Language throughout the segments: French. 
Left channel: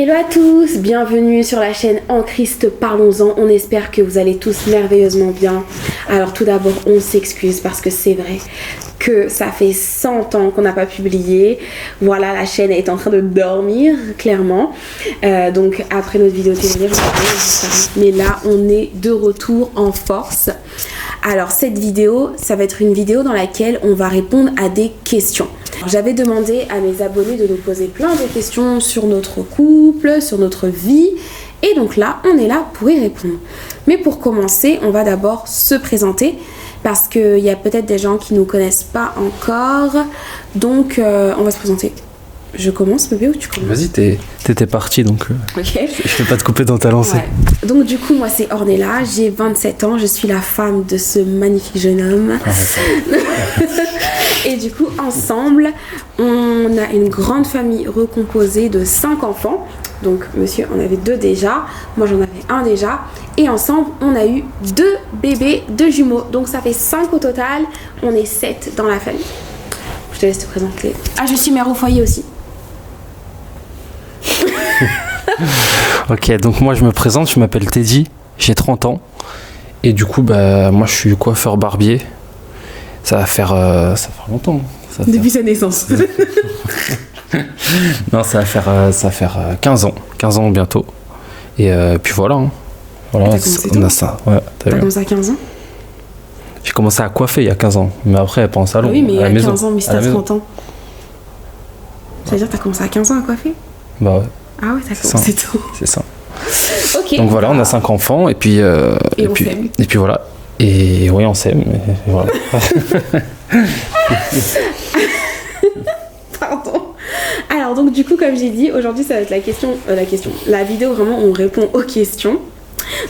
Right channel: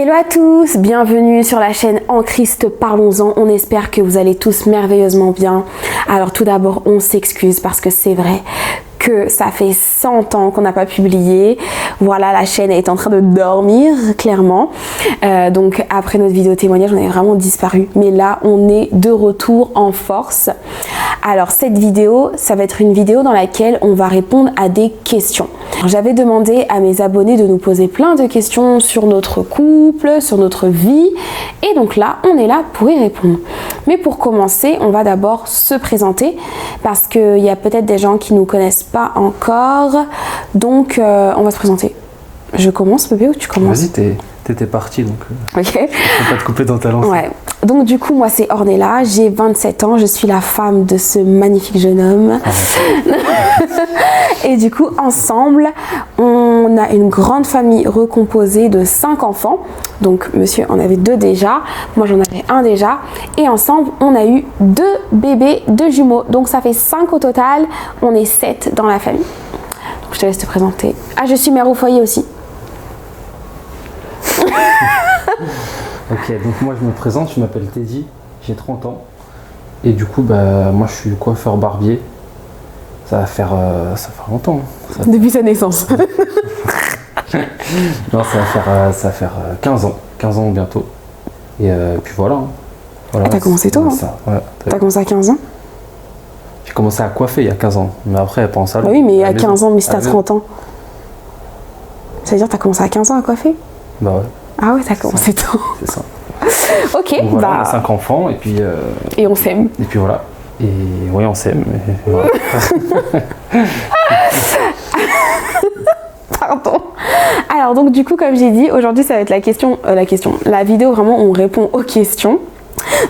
Hello à tous, bienvenue sur la chaîne En Christ Parlons-en. On espère que vous allez tous merveilleusement bien. Alors tout d'abord, on s'excuse parce que c'est vrai que ça fait 100 ans qu'on n'a pas publié. Voilà, la chaîne est en train de dormir, clairement. Donc après notre vidéo témoignage, on a vraiment disparu. Mais là, on est de retour en force. Alors cette vidéo, ça va être une vidéo dans laquelle on va répondre à des questions. J'avais demandé à mes abonnés de nous poser plein de questions sur notre couple, sur notre vie. Et donc là, on est là pour y répondre. Mais pour commencer, on va d'abord se présenter parce qu'il y a peut-être des gens qui ne nous connaissent pas encore. Donc, on va se présenter. Je commence, bébé, ou tu commences? Vas-y, t'étais partie, donc ok. Je peux pas te couper dans ta lancée. Ouais. Donc du coup, moi c'est Ornella, j'ai 27 ans, je suis la femme de ce magnifique jeune homme. Et du coup, ensemble, on a une grande famille recomposée de 5 enfants. Donc monsieur en avait 2 déjà, moi j'en avais 1 déjà. Et ensemble, on a eu 2 bébés, 2 jumeaux. Donc ça fait 5 au total, on est 7 dans la famille. Je te laisse te présenter. Ah, je suis mère au foyer aussi. Ok, donc moi je me présente, je m'appelle Teddy, j'ai 30 ans. Et du coup, bah, moi je suis coiffeur barbier. Ça va faire longtemps. Depuis sa naissance. Non, ça va faire 15 ans. 15 ans bientôt. Et puis voilà. Hein. Voilà, t'as commencé tôt, hein? Ouais, T'as commencé à 15 ans? J'ai commencé à coiffer il y a 15 ans. Mais après, pas en salon. Oui, mais il y a 15 ans, mais si t'as 30 maison. ans. Ça veut dire que t'as commencé à 15 ans à coiffer? Bah ouais. Ah ouais, t'as commencé tôt. C'est ça. Ok. Donc voilà, on a 5 enfants et puis... on s'aime. Et puis voilà. Et oui, on s'aime. Voilà. Pardon. Alors donc du coup, comme j'ai dit, aujourd'hui ça va être la vidéo vraiment où on répond aux questions.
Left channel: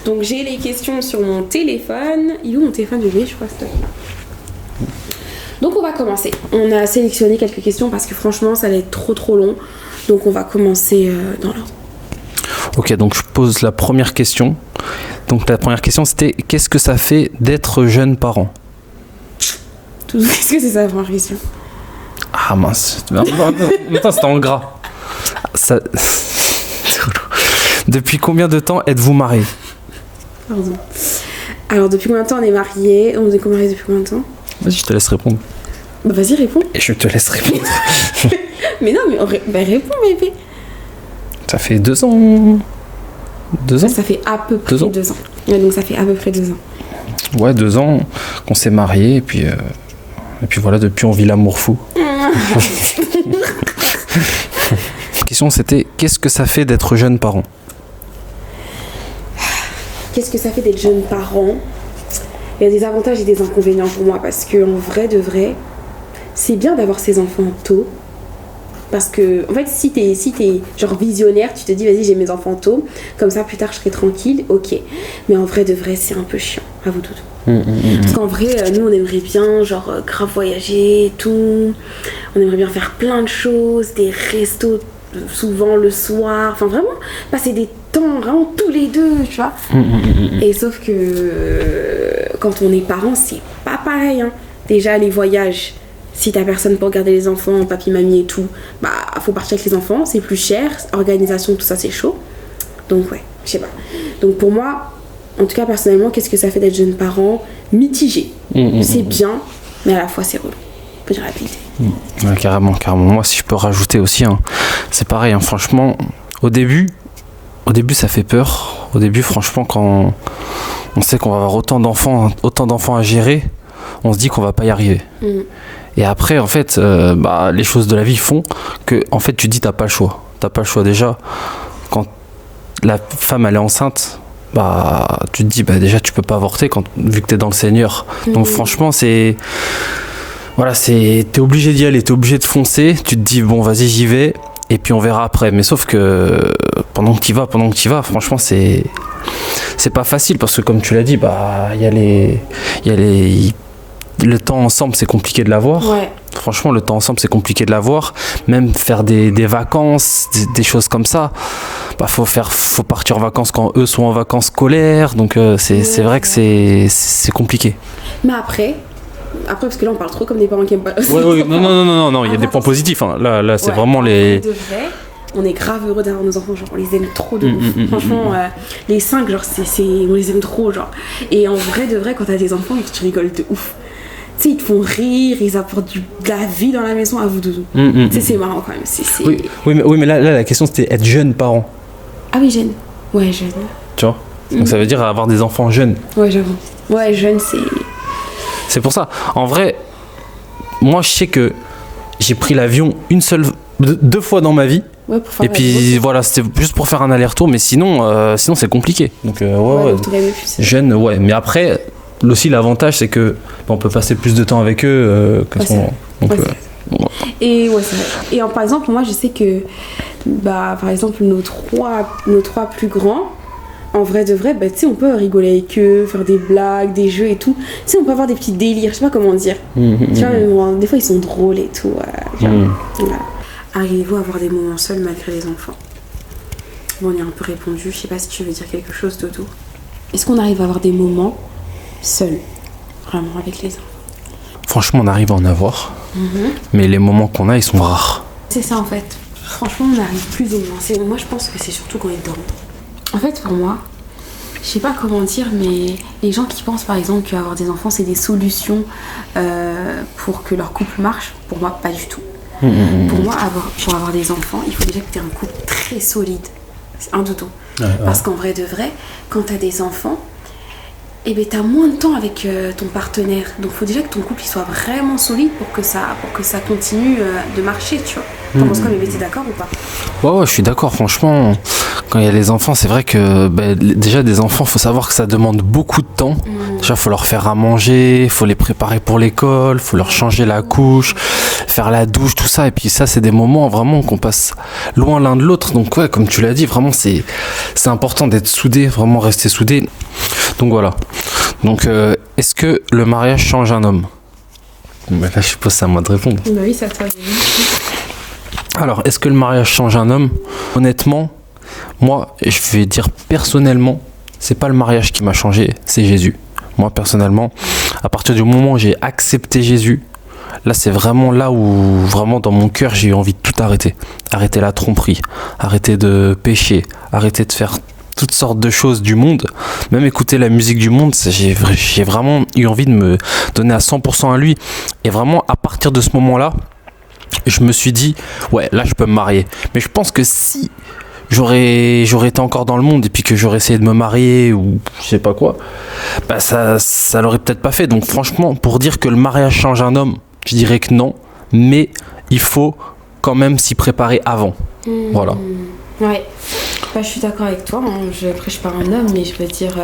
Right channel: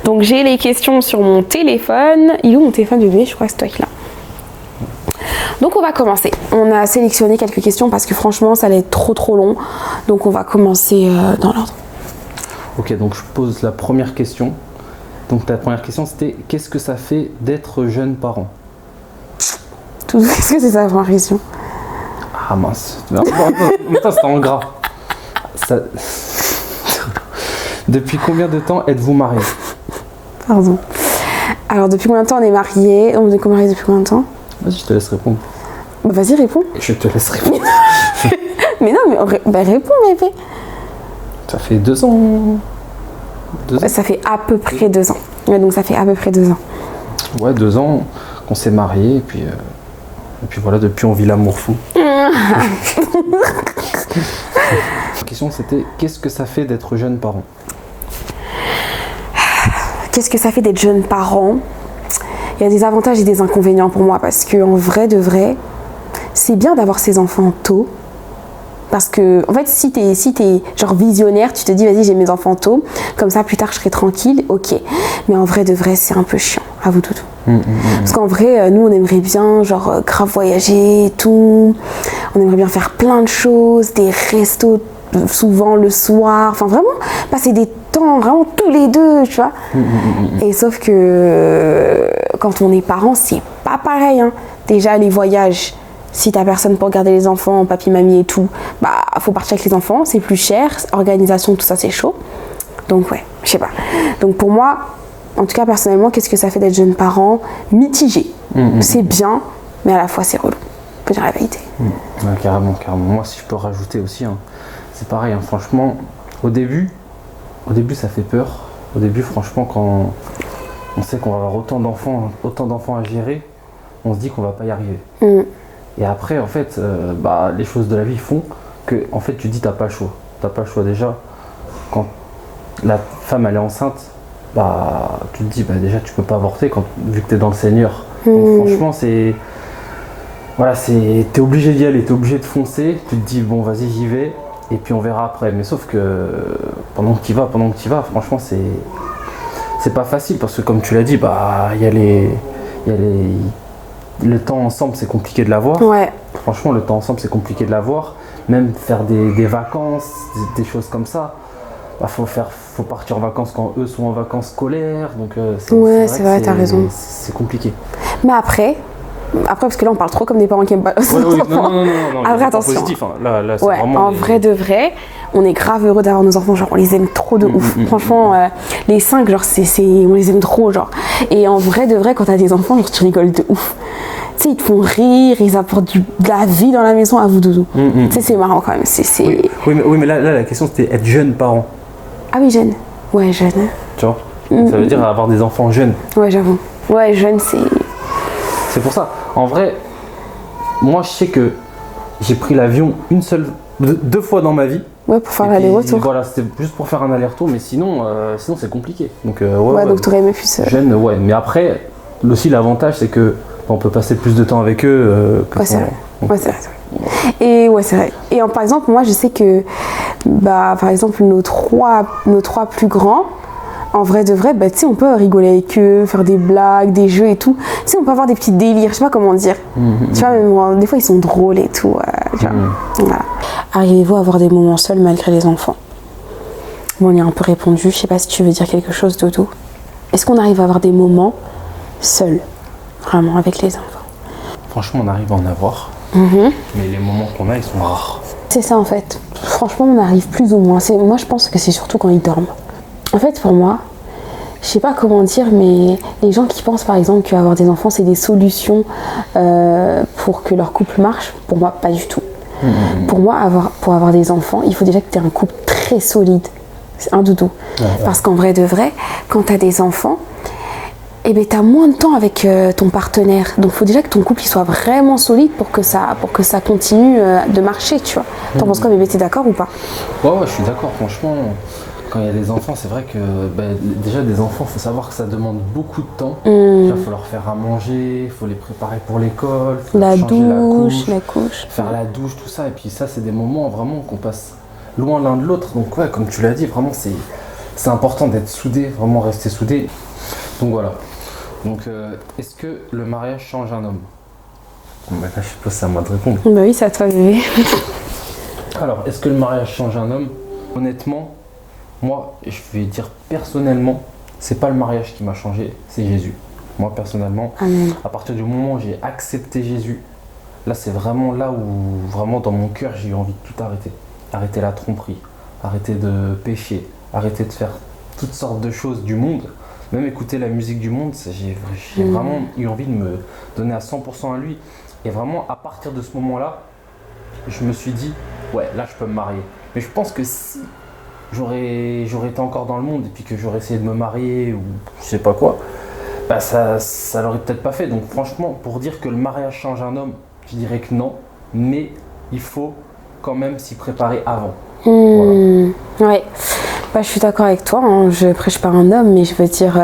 Donc j'ai les questions sur mon téléphone. Il est où mon téléphone, bébé? Je crois que c'est toi qui l'as. Donc on va commencer. On a sélectionné quelques questions parce que franchement ça allait être trop long. Donc on va commencer dans l'ordre. Ok, donc je pose la première question. Donc la première question c'était qu'est-ce que ça fait d'être jeune parent? Qu'est-ce que c'est ça la première question? Ah mince. Attends, c'était en gras. Ça... Depuis combien de temps êtes-vous mariés? Pardon. Alors depuis combien de temps on est mariés? On est mariés depuis combien de temps? Vas-y, je te laisse répondre. Bah, vas-y, réponds. Et je te laisse répondre. Mais non, mais réponds, bébé. Ça fait 2 ans. 2 ans? Ça fait à peu près 2 ans. Ouais, donc ça fait à peu près 2 ans. Ouais, 2 ans qu'on s'est mariés et puis voilà, depuis on vit l'amour fou. La question c'était qu'est-ce que ça fait d'être jeune parent? Qu'est-ce que ça fait d'être jeune parent? Il y a des avantages et des inconvénients pour moi parce que en vrai de vrai, c'est bien d'avoir ses enfants tôt. Parce que, en fait, si t'es genre visionnaire, tu te dis, vas-y, j'ai mes enfants tôt, comme ça, plus tard, je serai tranquille, ok. Mais en vrai de vrai, c'est un peu chiant, à vous, Toutou. Parce qu'en vrai, nous, on aimerait bien, genre, grave voyager et tout. On aimerait bien faire plein de choses, des restos, souvent le soir. Enfin, vraiment, passer des temps, vraiment, tous les deux, tu vois. Et sauf que, quand on est parent, c'est pas pareil, hein. Déjà, les voyages... Si t'as personne pour garder les enfants, papy, mamie et tout, bah faut partir avec les enfants, c'est plus cher, organisation, tout ça c'est chaud. Donc ouais, je sais pas. Donc pour moi, en tout cas personnellement, qu'est-ce que ça fait d'être jeune parent? Mitigé. C'est bien, mais à la fois c'est relou. Faut dire la vérité. Ouais, carrément. Moi si je peux rajouter aussi, hein, c'est pareil, hein, franchement, au début ça fait peur. Au début franchement quand on sait qu'on va avoir autant d'enfants à gérer, on se dit qu'on va pas y arriver. Et après, en fait, les choses de la vie font que, en fait, tu te dis t'as pas le choix. T'as pas le choix déjà. Quand la femme elle est enceinte, bah tu te dis bah déjà tu peux pas avorter vu que t'es dans le Seigneur. Donc franchement c'est t'es obligé d'y aller, t'es obligé de foncer. Tu te dis bon vas-y j'y vais et puis on verra après. Mais sauf que pendant que t'y vas, franchement c'est pas facile parce que comme tu l'as dit bah le temps ensemble, c'est compliqué de l'avoir. Ouais. Franchement, le temps ensemble, c'est compliqué de l'avoir. Même faire des vacances, des choses comme ça. Bah, faut partir en vacances quand eux sont en vacances scolaires. Donc, c'est vrai que c'est compliqué. Mais après, parce que là, on parle trop comme des parents qui aiment pas. Oui, non, il y a des points positifs. Hein. Là c'est vraiment en les... vrai de vrai, on est grave heureux d'avoir nos enfants, genre on les aime trop de ouf. Franchement, les 5, genre on les aime trop, genre. Et en vrai de vrai, quand t'as des enfants, genre, tu rigoles de ouf. Tu sais, ils te font rire, ils apportent de la vie dans la maison à vous, doudou. Tu sais, c'est marrant quand même. Oui, mais là, la question c'était être jeune parent. Ah oui, jeune. Ouais, jeune. Tu vois. Donc ça veut dire avoir des enfants jeunes. Ouais, j'avoue. Ouais, jeune, C'est pour ça. En vrai, moi je sais que j'ai pris l'avion deux fois dans ma vie. Ouais, pour faire et puis voilà, c'était juste pour faire un aller-retour, mais sinon c'est compliqué. Donc donc t'aurais aimé plus. Jeune, ouais. Mais après, aussi l'avantage c'est que on peut passer plus de temps avec eux qu'à ce moment. Donc, Et ouais, c'est vrai. Et par exemple, moi je sais que par exemple nos trois plus grands, en vrai de vrai, tu sais, on peut rigoler avec eux, faire des blagues, des jeux et tout. Tu sais, on peut avoir des petits délires, je sais pas comment dire. Tu vois, des fois ils sont drôles et tout. Voilà. Arrivez-vous à avoir des moments seuls malgré les enfants? Bon, on y a un peu répondu. Je sais pas si tu veux dire quelque chose, Dodo. Est-ce qu'on arrive à avoir des moments seuls, vraiment, avec les enfants? Franchement, on arrive à en avoir. Mais les moments qu'on a, ils sont rares. C'est ça en fait. Franchement, on arrive plus ou moins. Moi, je pense que c'est surtout quand ils dorment. En fait, pour moi, je sais pas comment dire, mais les gens qui pensent par exemple qu'avoir des enfants, c'est des solutions pour que leur couple marche, pour moi, pas du tout. Pour moi, pour avoir des enfants, il faut déjà que tu aies un couple très solide. C'est un doudou. Parce qu'en vrai de vrai, quand tu as des enfants, eh ben, tu as moins de temps avec ton partenaire. Donc, il faut déjà que ton couple il soit vraiment solide pour que ça continue de marcher, tu vois. T'en penses quoi, bébé? T'es d'accord ou pas? Ouais, je suis d'accord. Franchement, quand il y a les enfants, c'est vrai que déjà, des enfants, il faut savoir que ça demande beaucoup de temps. Déjà, il faut leur faire à manger, il faut les préparer pour l'école, il faut leur changer la couche, faire la douche, tout ça. Et puis ça, c'est des moments vraiment qu'on passe loin l'un de l'autre. Donc, ouais, comme tu l'as dit, vraiment, c'est important d'être soudés, vraiment rester soudés. Donc, voilà. Donc, est-ce que le mariage change un homme? Là, je suppose que c'est à moi de répondre. Bah oui, c'est à toi de dire. Alors, est-ce que le mariage change un homme? Honnêtement, moi, je vais dire personnellement, c'est pas le mariage qui m'a changé, c'est Jésus. Moi, personnellement, à partir du moment où j'ai accepté Jésus, là, c'est vraiment là où, vraiment, dans mon cœur, j'ai eu envie de tout arrêter. Arrêter la tromperie, arrêter de pécher, arrêter de faire toutes sortes de choses du monde, même écouter la musique du monde, j'ai vraiment eu envie de me donner à 100% à lui. Et vraiment, à partir de ce moment-là, je me suis dit, ouais, là, je peux me marier. Mais je pense que si j'aurais été encore dans le monde et puis que j'aurais essayé de me marier ou je sais pas quoi, ça l'aurait peut-être pas fait. Donc franchement, pour dire que le mariage change un homme, je dirais que non, mais il faut quand même s'y préparer avant. Voilà. Ouais, je suis d'accord avec toi, hein. Je prêche pas un homme, mais je veux dire,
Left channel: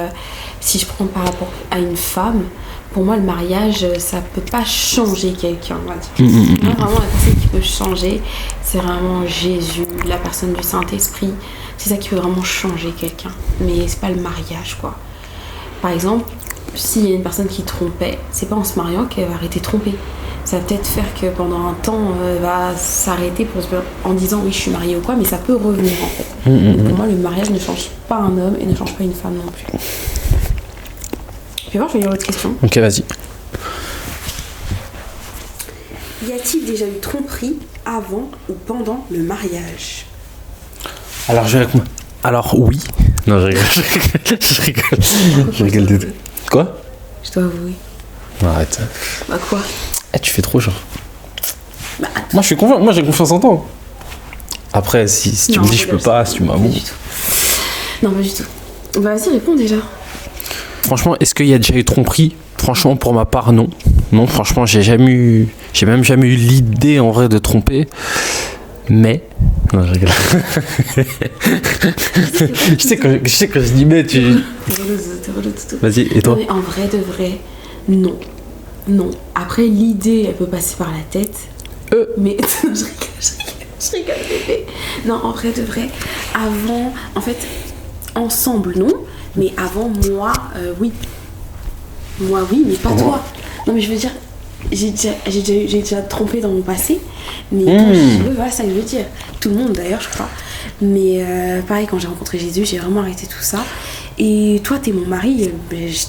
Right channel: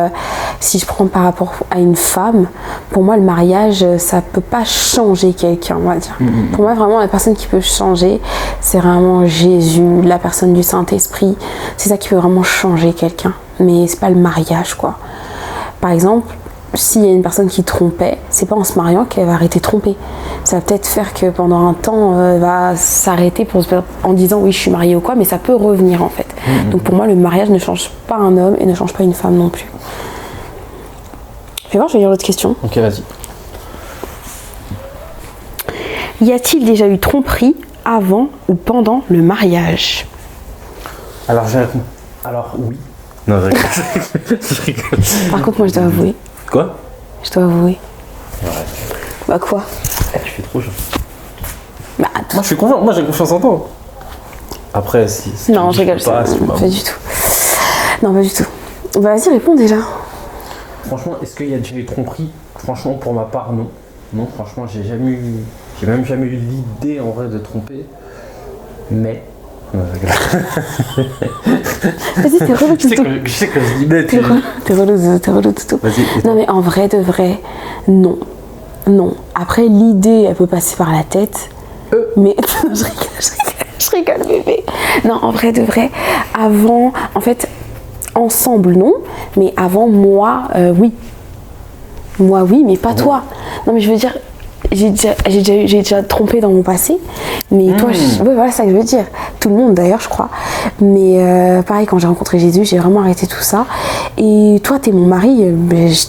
si je prends par rapport à une femme, pour moi le mariage, ça peut pas changer quelqu'un, on va dire. Pour moi vraiment la personne qui peut changer, c'est vraiment Jésus, la personne du Saint-Esprit, c'est ça qui peut vraiment changer quelqu'un, mais c'est pas le mariage quoi. Par exemple, s'il y a une personne qui trompait, c'est pas en se mariant qu'elle va arrêter de tromper. Ça va peut-être faire que pendant un temps, elle va s'arrêter en disant oui, je suis mariée ou quoi, mais ça peut revenir en fait. Donc pour moi, le mariage ne change pas un homme et ne change pas une femme non plus. Je vais voir, je vais lire l'autre question. Ok, vas-y. Y a-t-il déjà eu tromperie avant ou pendant le mariage? Alors oui. Non, je rigole. Par contre, moi je dois avouer. Quoi? Je dois avouer. Arrête. Bah quoi? Tu fais trop genre. Bah attends. Moi je suis confiant, moi j'ai confiance en toi. Après, si tu me dis je peux pas, si tu m'as. Pas du tout. Non, pas du tout. Bah vas-y, réponds déjà. Franchement, est-ce qu'il y a déjà eu tromperie? Franchement, pour ma part, non. Non, franchement, j'ai même jamais eu l'idée en vrai de tromper. Mais. Non, je rigole. Vas-y, je sais quand je dis mais tu. T'es relou tout. Vas-y, et toi? Non, mais en vrai de vrai, non. Non. Après, l'idée, elle peut passer par la tête. Mais. je rigole, bébé. Non, en vrai de vrai, avant. En fait, ensemble, non. Mais avant, moi, oui. Moi, oui, mais pas toi. Non, mais je veux dire. J'ai déjà trompé dans mon passé, mais quand voilà ça que je veux dire. Tout le monde d'ailleurs, je crois. Mais pareil, quand j'ai rencontré Jésus, j'ai vraiment arrêté tout ça. Et toi, t'es mon mari,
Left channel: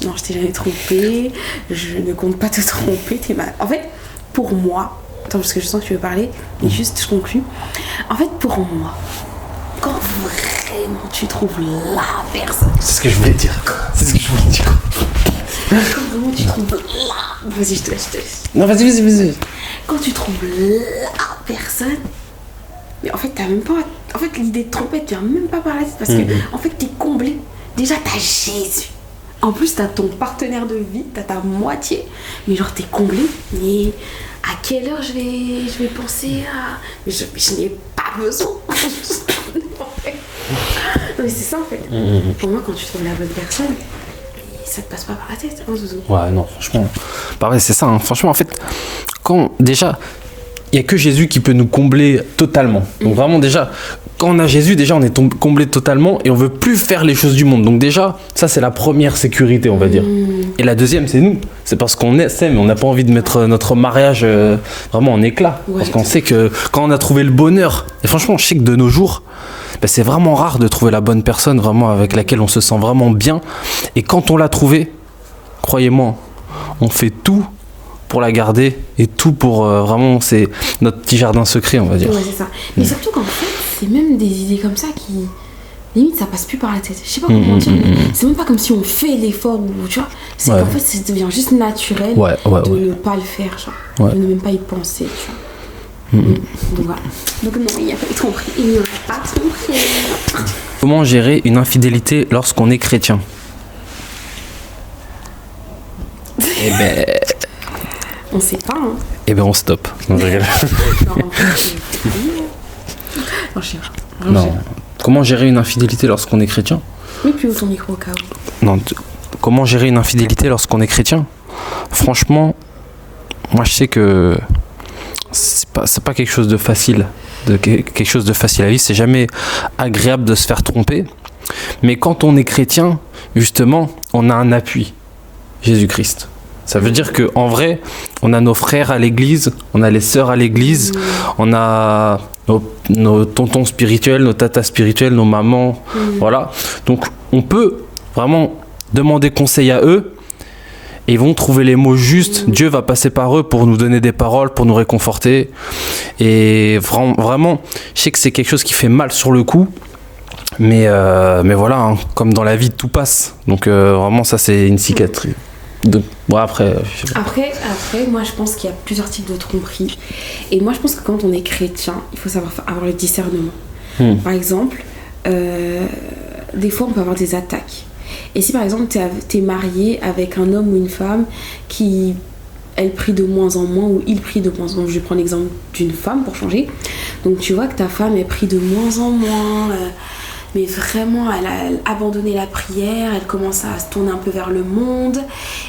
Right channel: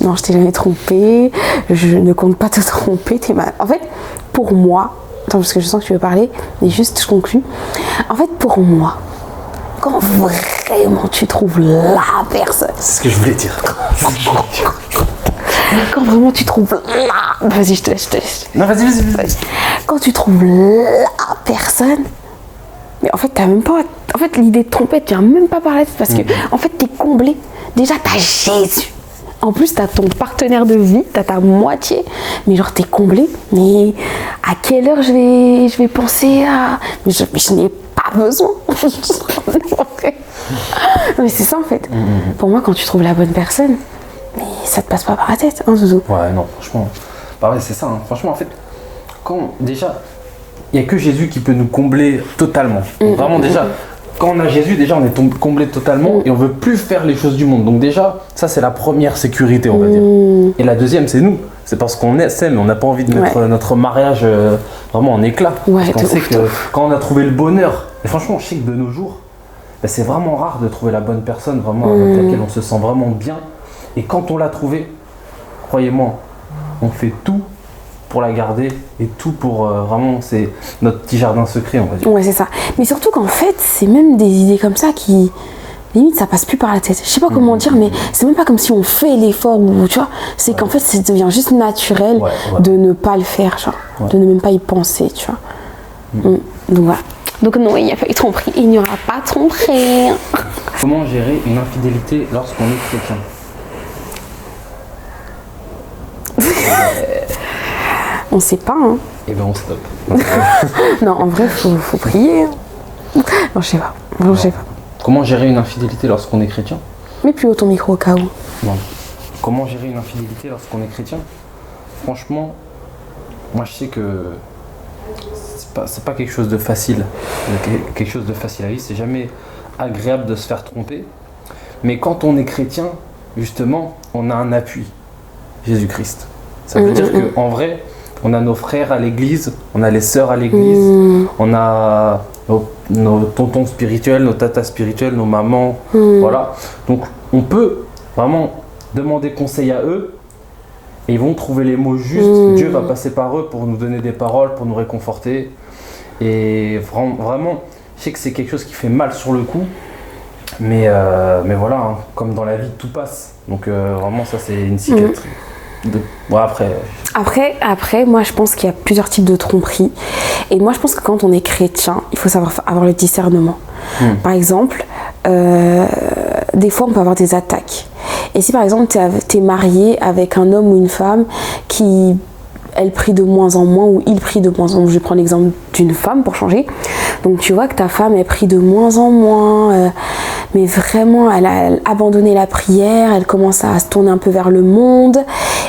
non, je t'ai jamais trompé. Je ne compte pas te tromper. En fait, pour moi, attends, parce que je sens que tu veux parler, mais juste je conclue. En fait, pour moi, quand vraiment tu trouves la personne. C'est ce que je voulais dire. Quand vraiment tu trouves la... Vas-y, je te laisse. Non, vas-y. Quand tu trouves la personne, mais en fait, t'as même pas... En fait, l'idée de tromper, tu viens même pas par la tête parce que, en fait, t'es comblé. Déjà, t'as Jésus. En plus, t'as ton partenaire de vie, t'as ta moitié. Mais genre, t'es comblé. Mais à quelle heure je vais penser à... Mais je n'ai pas besoin. Non, mais c'est ça, en fait. Pour moi, quand tu trouves la bonne personne... Mais ça te passe pas par la tête, hein, Zouzou? Ouais, non, franchement. Bah ouais, c'est ça. Hein. Franchement, en fait, quand déjà, il n'y a que Jésus qui peut nous combler totalement. Donc vraiment, déjà, quand on a Jésus, déjà, on est comblé totalement et on veut plus faire les choses du monde. Donc déjà, ça, c'est la première sécurité, on va dire. Et la deuxième, c'est nous. C'est parce qu'on est, mais on n'a pas envie de mettre notre mariage vraiment en éclat. Parce qu'on sait que quand on a trouvé le bonheur, et franchement, je sais que de nos jours, ben c'est vraiment rare de trouver la bonne personne vraiment avec laquelle on se sent vraiment bien. Et quand on l'a trouvée, croyez-moi, on fait tout pour la garder et tout pour vraiment, c'est notre petit jardin secret, on va dire. Ouais, c'est ça. Mais surtout qu'en fait, c'est même des idées comme ça qui, limite, ça passe plus par la tête. Je sais pas comment dire, mais c'est même pas comme si on fait l'effort ou tu vois. C'est qu'en fait, ça devient juste naturel de ne pas le faire, genre, de ne même pas y penser, tu vois. Donc voilà. Donc non, il n'y a pas eu tromperie, il n'y aura pas tromperie. Comment gérer une infidélité lorsqu'on est chrétien? On sait pas, hein. Eh ben on stoppe. Non, en vrai, faut prier. Non, je sais pas. Non. Comment gérer une infidélité lorsqu'on est chrétien? Mets plus haut ton micro au cas où. Non, comment gérer une infidélité lorsqu'on est chrétien? Franchement, moi je sais que c'est pas quelque chose de facile, quelque chose de facile à vivre. C'est jamais agréable de se faire tromper. Mais quand on est chrétien, justement, on a un appui, Jésus-Christ. Ça veut dire qu'en vrai, on a nos frères à l'église, on a les sœurs à l'église, on a nos tontons spirituels, nos tatas spirituels, nos mamans, voilà. Donc on peut vraiment demander conseil à eux et ils vont trouver les mots justes. Dieu va passer par eux pour nous donner des paroles, pour nous réconforter. Et vraiment, je sais que c'est quelque chose qui fait mal sur le coup. Mais voilà, hein, comme dans la vie, tout passe. Donc vraiment, ça, c'est une cicatrice. Bon, après, moi, je pense qu'il y a plusieurs types de tromperies. Et moi, je pense que quand on est chrétien, il faut savoir avoir le discernement. Par exemple, des fois, on peut avoir des attaques. Et si, par exemple, t'es marié avec un homme ou une femme qui... elle prie de moins en moins ou il prie de moins en moins. Je vais prendre l'exemple d'une femme pour changer. Donc tu vois que ta femme, elle prie de moins en moins, mais vraiment elle a abandonné la prière, elle commence à se tourner un peu vers le monde.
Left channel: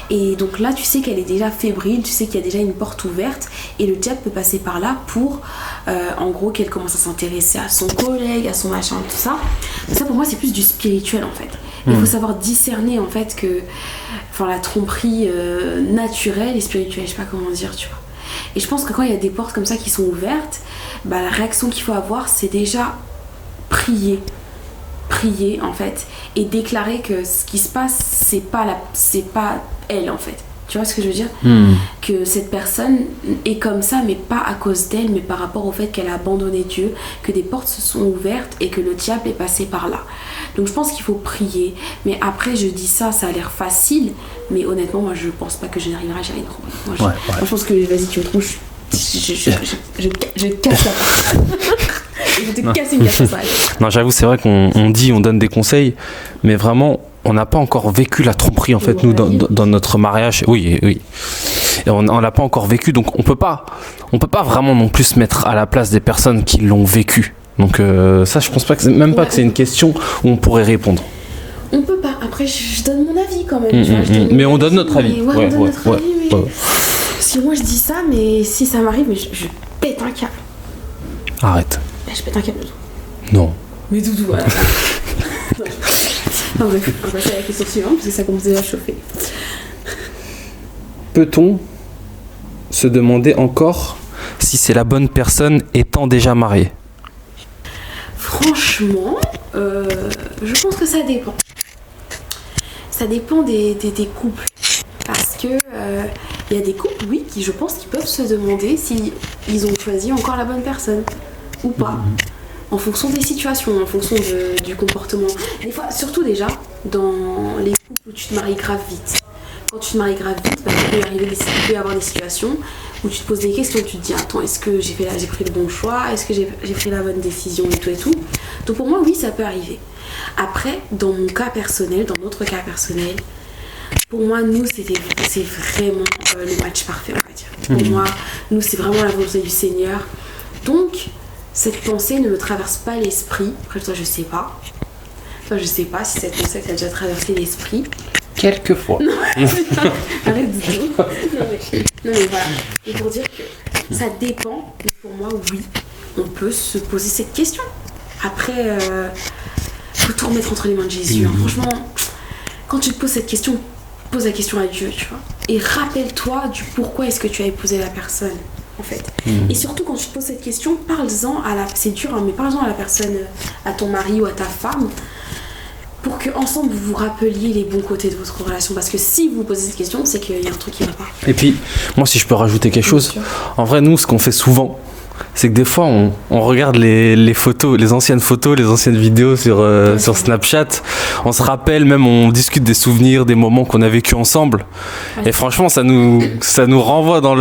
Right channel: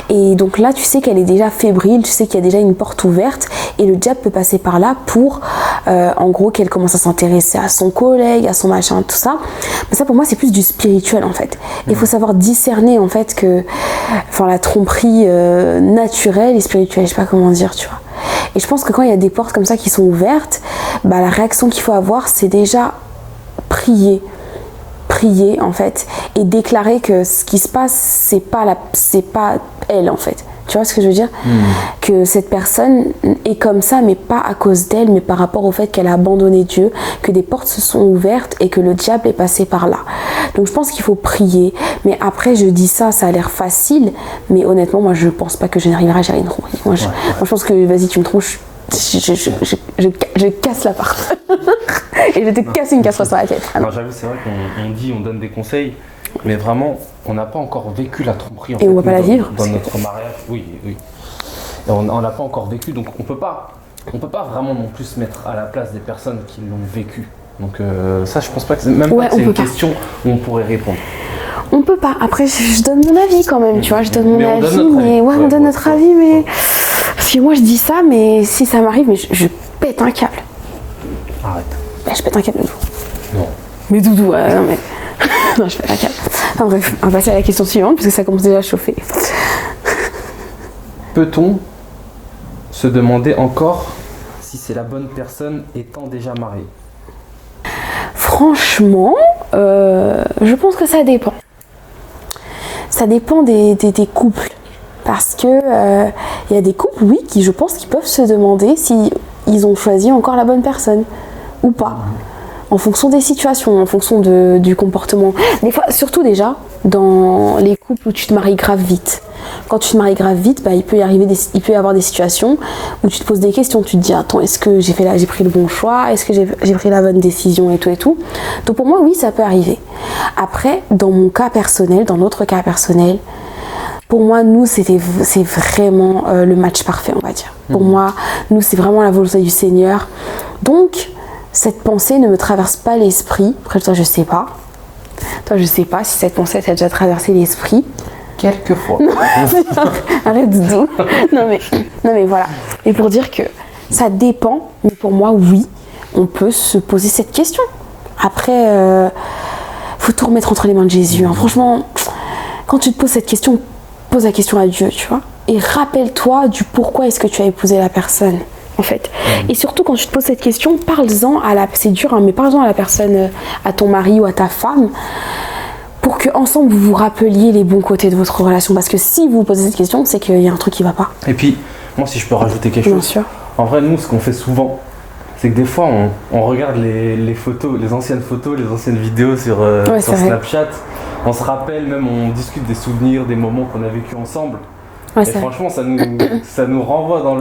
Et donc là tu sais qu'elle est déjà fébrile, tu sais qu'il y a déjà une porte ouverte et le diable peut passer par là pour en gros qu'elle commence à s'intéresser à son collègue, à son machin, tout ça. Mais ça pour moi c'est plus du spirituel en fait. Il faut savoir discerner en fait que la tromperie naturelle et spirituelle, je sais pas comment dire, tu vois. Et je pense que quand il y a des portes comme ça qui sont ouvertes, bah la réaction qu'il faut avoir, c'est déjà prier en fait, et déclarer que ce qui se passe, c'est pas elle en fait. Tu vois ce que je veux dire? Que cette personne est comme ça, mais pas à cause d'elle, mais par rapport au fait qu'elle a abandonné Dieu, que des portes se sont ouvertes et que le diable est passé par là. Donc je pense qu'il faut prier. Mais après, je dis ça, ça a l'air facile, mais honnêtement, moi, je pense pas que je n'arriverai à gérer une tromperie. Moi, je pense que, vas-y, tu me trompes, je casse la porte. Et je vais te casser une café sur la tête. Non, j'avoue, c'est vrai qu'on on donne des conseils, mais vraiment, on n'a pas encore vécu la tromperie en fait, nous, dans notre mariage. Oui. Et on n'a pas encore vécu, donc on peut pas vraiment non plus se mettre à la place des personnes qui l'ont vécu. Donc ça, je pense pas que c'est même pas que c'est une question où on pourrait répondre. On peut pas. Après, je donne mon avis quand même, tu vois. Je donne mais on donne notre avis. Ouais, on donne notre avis, mais parce que moi je dis ça, mais si ça m'arrive, je pète un câble. Arrête. Bah, je pète un câble, Doudou. Non. Mais Doudou, non, je pète un câble. Enfin, bref, on va passer à la question suivante, parce que ça commence déjà à chauffer. Peut-on se demander encore si c'est la bonne personne étant déjà mariée? Franchement, je pense que ça dépend. Ça dépend des couples. Parce que y a des couples, oui, qui je pense qu'ils peuvent se demander si ils ont choisi encore la bonne personne ou pas. en fonction des situations, en fonction du comportement. Des fois, surtout déjà, dans les couples où tu te maries grave vite. Quand tu te maries grave vite, il peut y avoir des situations où tu te poses des questions, tu te dis attends, est-ce que j'ai pris le bon choix, est-ce que j'ai pris la bonne décision et tout. Donc pour moi oui, ça peut arriver. Après, dans mon cas personnel, dans notre cas personnel, pour moi nous c'est vraiment le match parfait, on va dire. Pour moi, nous c'est vraiment la volonté du Seigneur. Donc cette pensée ne me traverse pas l'esprit. Après toi je sais pas. Toi je sais pas si cette pensée t'a déjà traversé l'esprit. Quelquefois. Arrête de dire. Non mais voilà. Et pour dire que ça dépend, mais pour moi, oui, on peut se poser cette question. Après, faut tout remettre entre les mains de Jésus. Hein. Franchement, quand tu te poses cette question, pose la question à Dieu, tu vois. Et rappelle-toi du pourquoi est-ce que tu as épousé la personne, en fait. Et surtout, quand tu te poses cette question, parle-en c'est dur, hein, mais parle-en à la personne, à ton mari ou à ta femme, pour qu'ensemble vous vous rappeliez les bons côtés de votre relation. Parce que si vous vous posez cette question, c'est qu'il y a un truc qui va pas. Et puis, moi si je peux rajouter quelque chose, en vrai nous ce qu'on fait souvent, c'est que des fois on regarde les photos, les anciennes photos, les anciennes vidéos sur Snapchat, on se rappelle, même on discute des souvenirs, des moments qu'on a vécu ensemble. Et franchement ça nous renvoie dans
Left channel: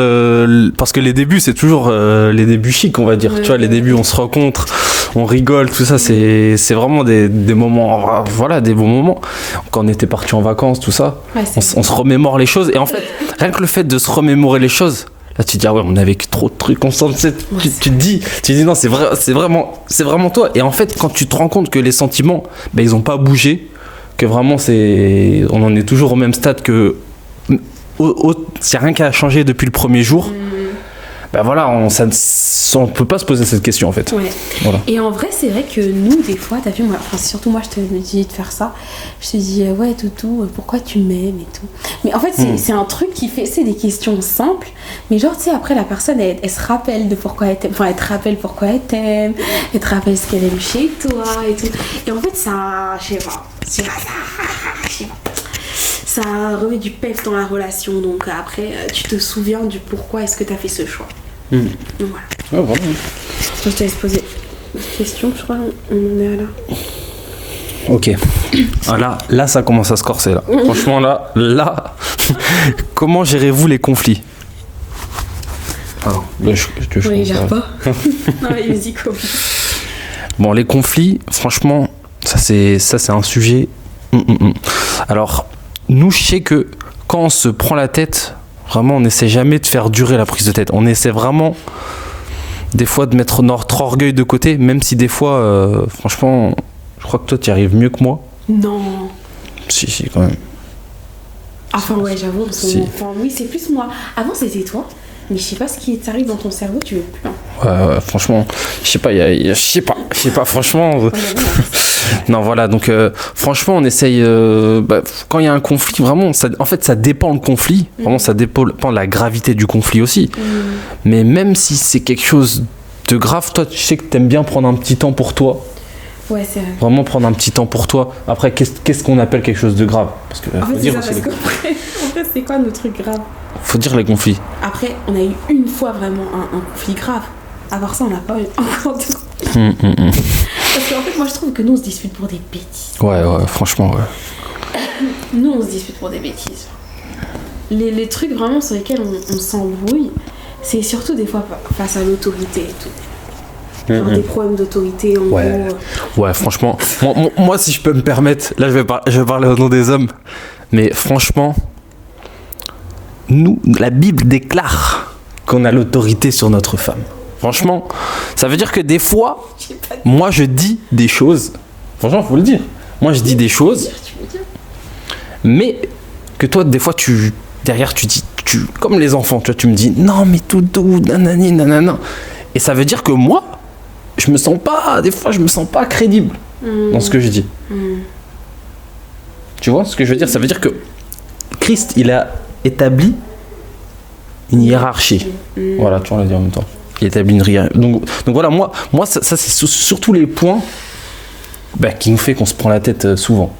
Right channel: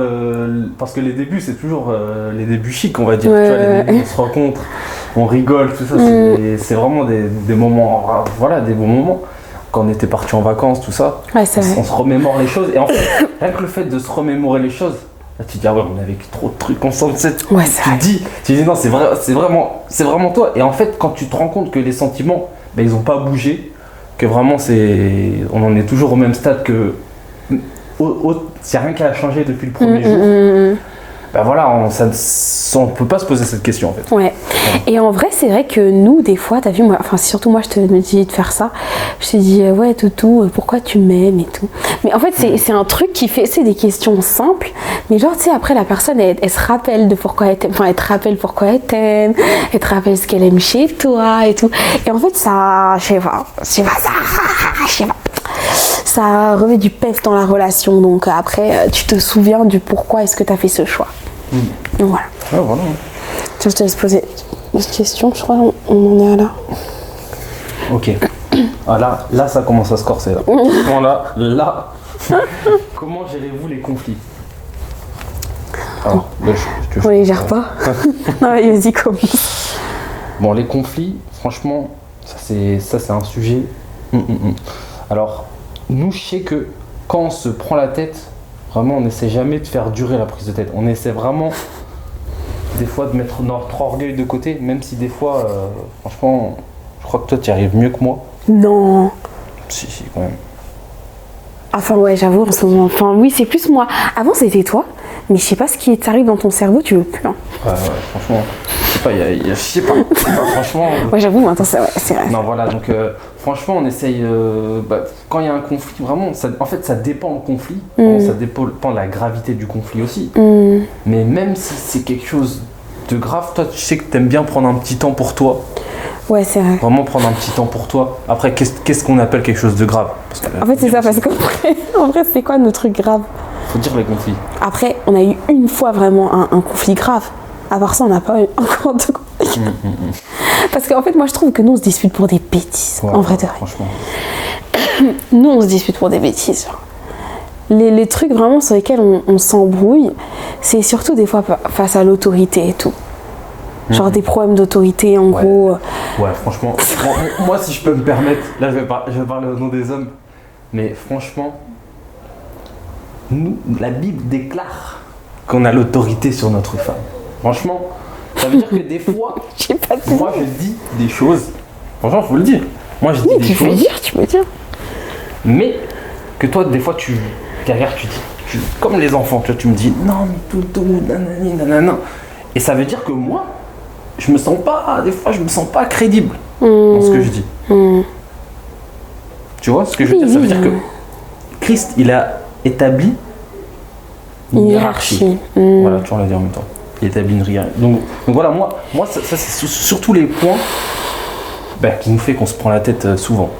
parce que les débuts c'est toujours les débuts chics, on va dire. Tu vois, les débuts on se rencontre, on rigole, tout ça, c'est vraiment des moments, voilà, des bons moments. Quand on était partis en vacances, tout ça, on se remémore les choses. Et en fait, rien que le fait de se remémorer les choses, là tu te dis ah ouais, on a vécu trop de trucs ensemble. Tu dis non, c'est vraiment toi. Et en fait quand tu te rends compte que les sentiments ils ont pas bougé, que vraiment on en est toujours au même stade, que s'il y a rien qui a changé depuis le premier jour, voilà, on peut pas se poser cette question en fait. Ouais. Voilà. Et en vrai, c'est vrai que nous, des fois, t'as vu, surtout moi, je me dis de faire ça. Je te dis, ouais, toutou, pourquoi tu m'aimes et tout. Mais en fait, c'est un truc c'est des questions simples. Mais genre, tu sais, après, la personne, elle se rappelle de pourquoi elle t'aime. Enfin, elle te rappelle pourquoi elle t'aime. Elle te rappelle ce qu'elle aime chez toi et tout. Et en fait, ça, ça remet du peps dans la relation. Donc après, tu te souviens du pourquoi est-ce que tu as fait ce choix. Donc voilà. Ouais, voilà. Je te laisse poser une question, je crois on en est à là. Ok. Ah là ça commence à se corser là. Franchement là. Comment gérez-vous les conflits? On les gère pas. Non mais vas-y, commence. Bon, les conflits, franchement, ça c'est un sujet. Alors, nous, je sais que quand on se prend la tête, vraiment, on n'essaie jamais de faire durer la prise de tête. On essaie vraiment, des fois, de mettre notre orgueil de côté, même si des fois, franchement, je crois que toi, tu y arrives mieux que moi. Non. Si, quand même. Enfin, ouais, j'avoue, en ce moment. Enfin, oui, c'est plus moi. Avant, c'était toi. Mais je sais pas ce qui t'arrive dans ton cerveau, tu veux plus. Hein. Franchement, je sais pas, franchement. Ouais, j'avoue, c'est vrai. Non, voilà, donc franchement, on essaye. Quand il y a un conflit, vraiment, en fait, ça dépend le conflit. Vraiment, ça dépend de la gravité du conflit aussi. Mais même si c'est quelque chose de grave, toi, tu sais que t'aimes bien prendre un petit temps pour toi. Ouais, c'est vrai. Vraiment prendre un petit temps pour toi. Après, qu'est-ce qu'on appelle quelque chose de grave? En fait, c'est ça, parce qu'en vrai, c'est quoi nos trucs graves? Faut dire les conflits. Après, on a eu une fois vraiment un conflit grave. À part ça, on n'a pas eu encore de conflit. Parce qu'en fait, moi, je trouve que nous, on se dispute pour des bêtises. Ouais, franchement, ouais. Nous, on se dispute pour des bêtises. Les trucs vraiment sur lesquels on s'embrouille, c'est surtout des fois face à l'autorité et tout. Genre des problèmes d'autorité, en gros. Ouais, franchement. moi, si je peux me permettre, là, je vais parler au nom des hommes. Mais franchement, nous, la Bible déclare qu'on a l'autorité sur notre femme. Franchement, ça veut dire que des fois, moi, je dis des choses. Franchement, faut le dire. Moi, je dis des choses. Tu peux dire. Mais que toi, des fois, derrière, tu dis, comme les enfants, tu me dis, non, mais tout, nanani, nanana. Et ça veut dire que moi, des fois, je me sens pas crédible dans ce que je dis. Tu vois ce que je veux dire? Ça veut dire que Christ, il a établi une hiérarchie. Voilà, tu vas le dire en même temps. Il a établi une hiérarchie. Donc voilà, moi ça c'est surtout les points qui nous fait qu'on se prend la tête souvent.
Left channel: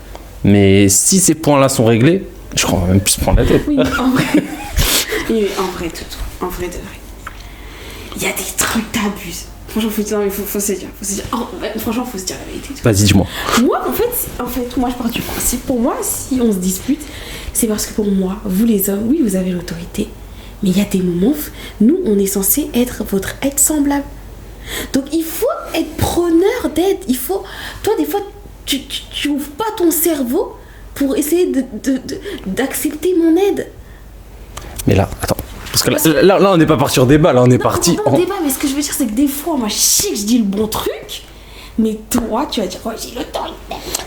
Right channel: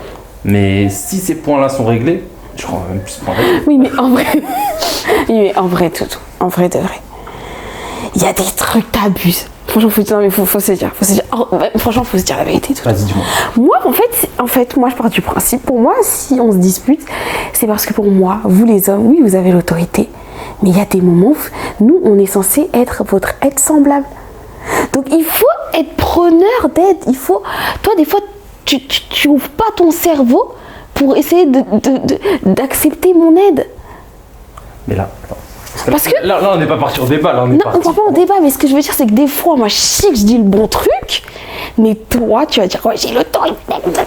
Mais si ces points-là sont réglés, je crois qu'on va même plus se prendre la tête. Oui, mais en vrai, en vrai, de vrai. Il y a des trucs, t'abuses. Franchement, faut dire, mais faut se dire. Oh, franchement, faut se dire la vérité. Vas-y, dis-moi. Moi, en fait, moi, je pars du principe. Pour moi, si on se dispute, c'est parce que pour moi, vous les hommes, oui, vous avez l'autorité. Mais il y a des moments où nous, on est censé être votre aide semblable. Donc, il faut être preneur d'aide. Il faut... Toi, des fois, tu ouvres pas ton cerveau pour essayer d'accepter mon aide. Mais là, attends. Parce que là, on n'est pas parti au débat, là, on est parti. Non, on va pas au débat, mais ce que je veux dire, c'est que des fois, moi, je sais que je dis le bon truc, mais toi, tu vas dire, j'ai l'autorité.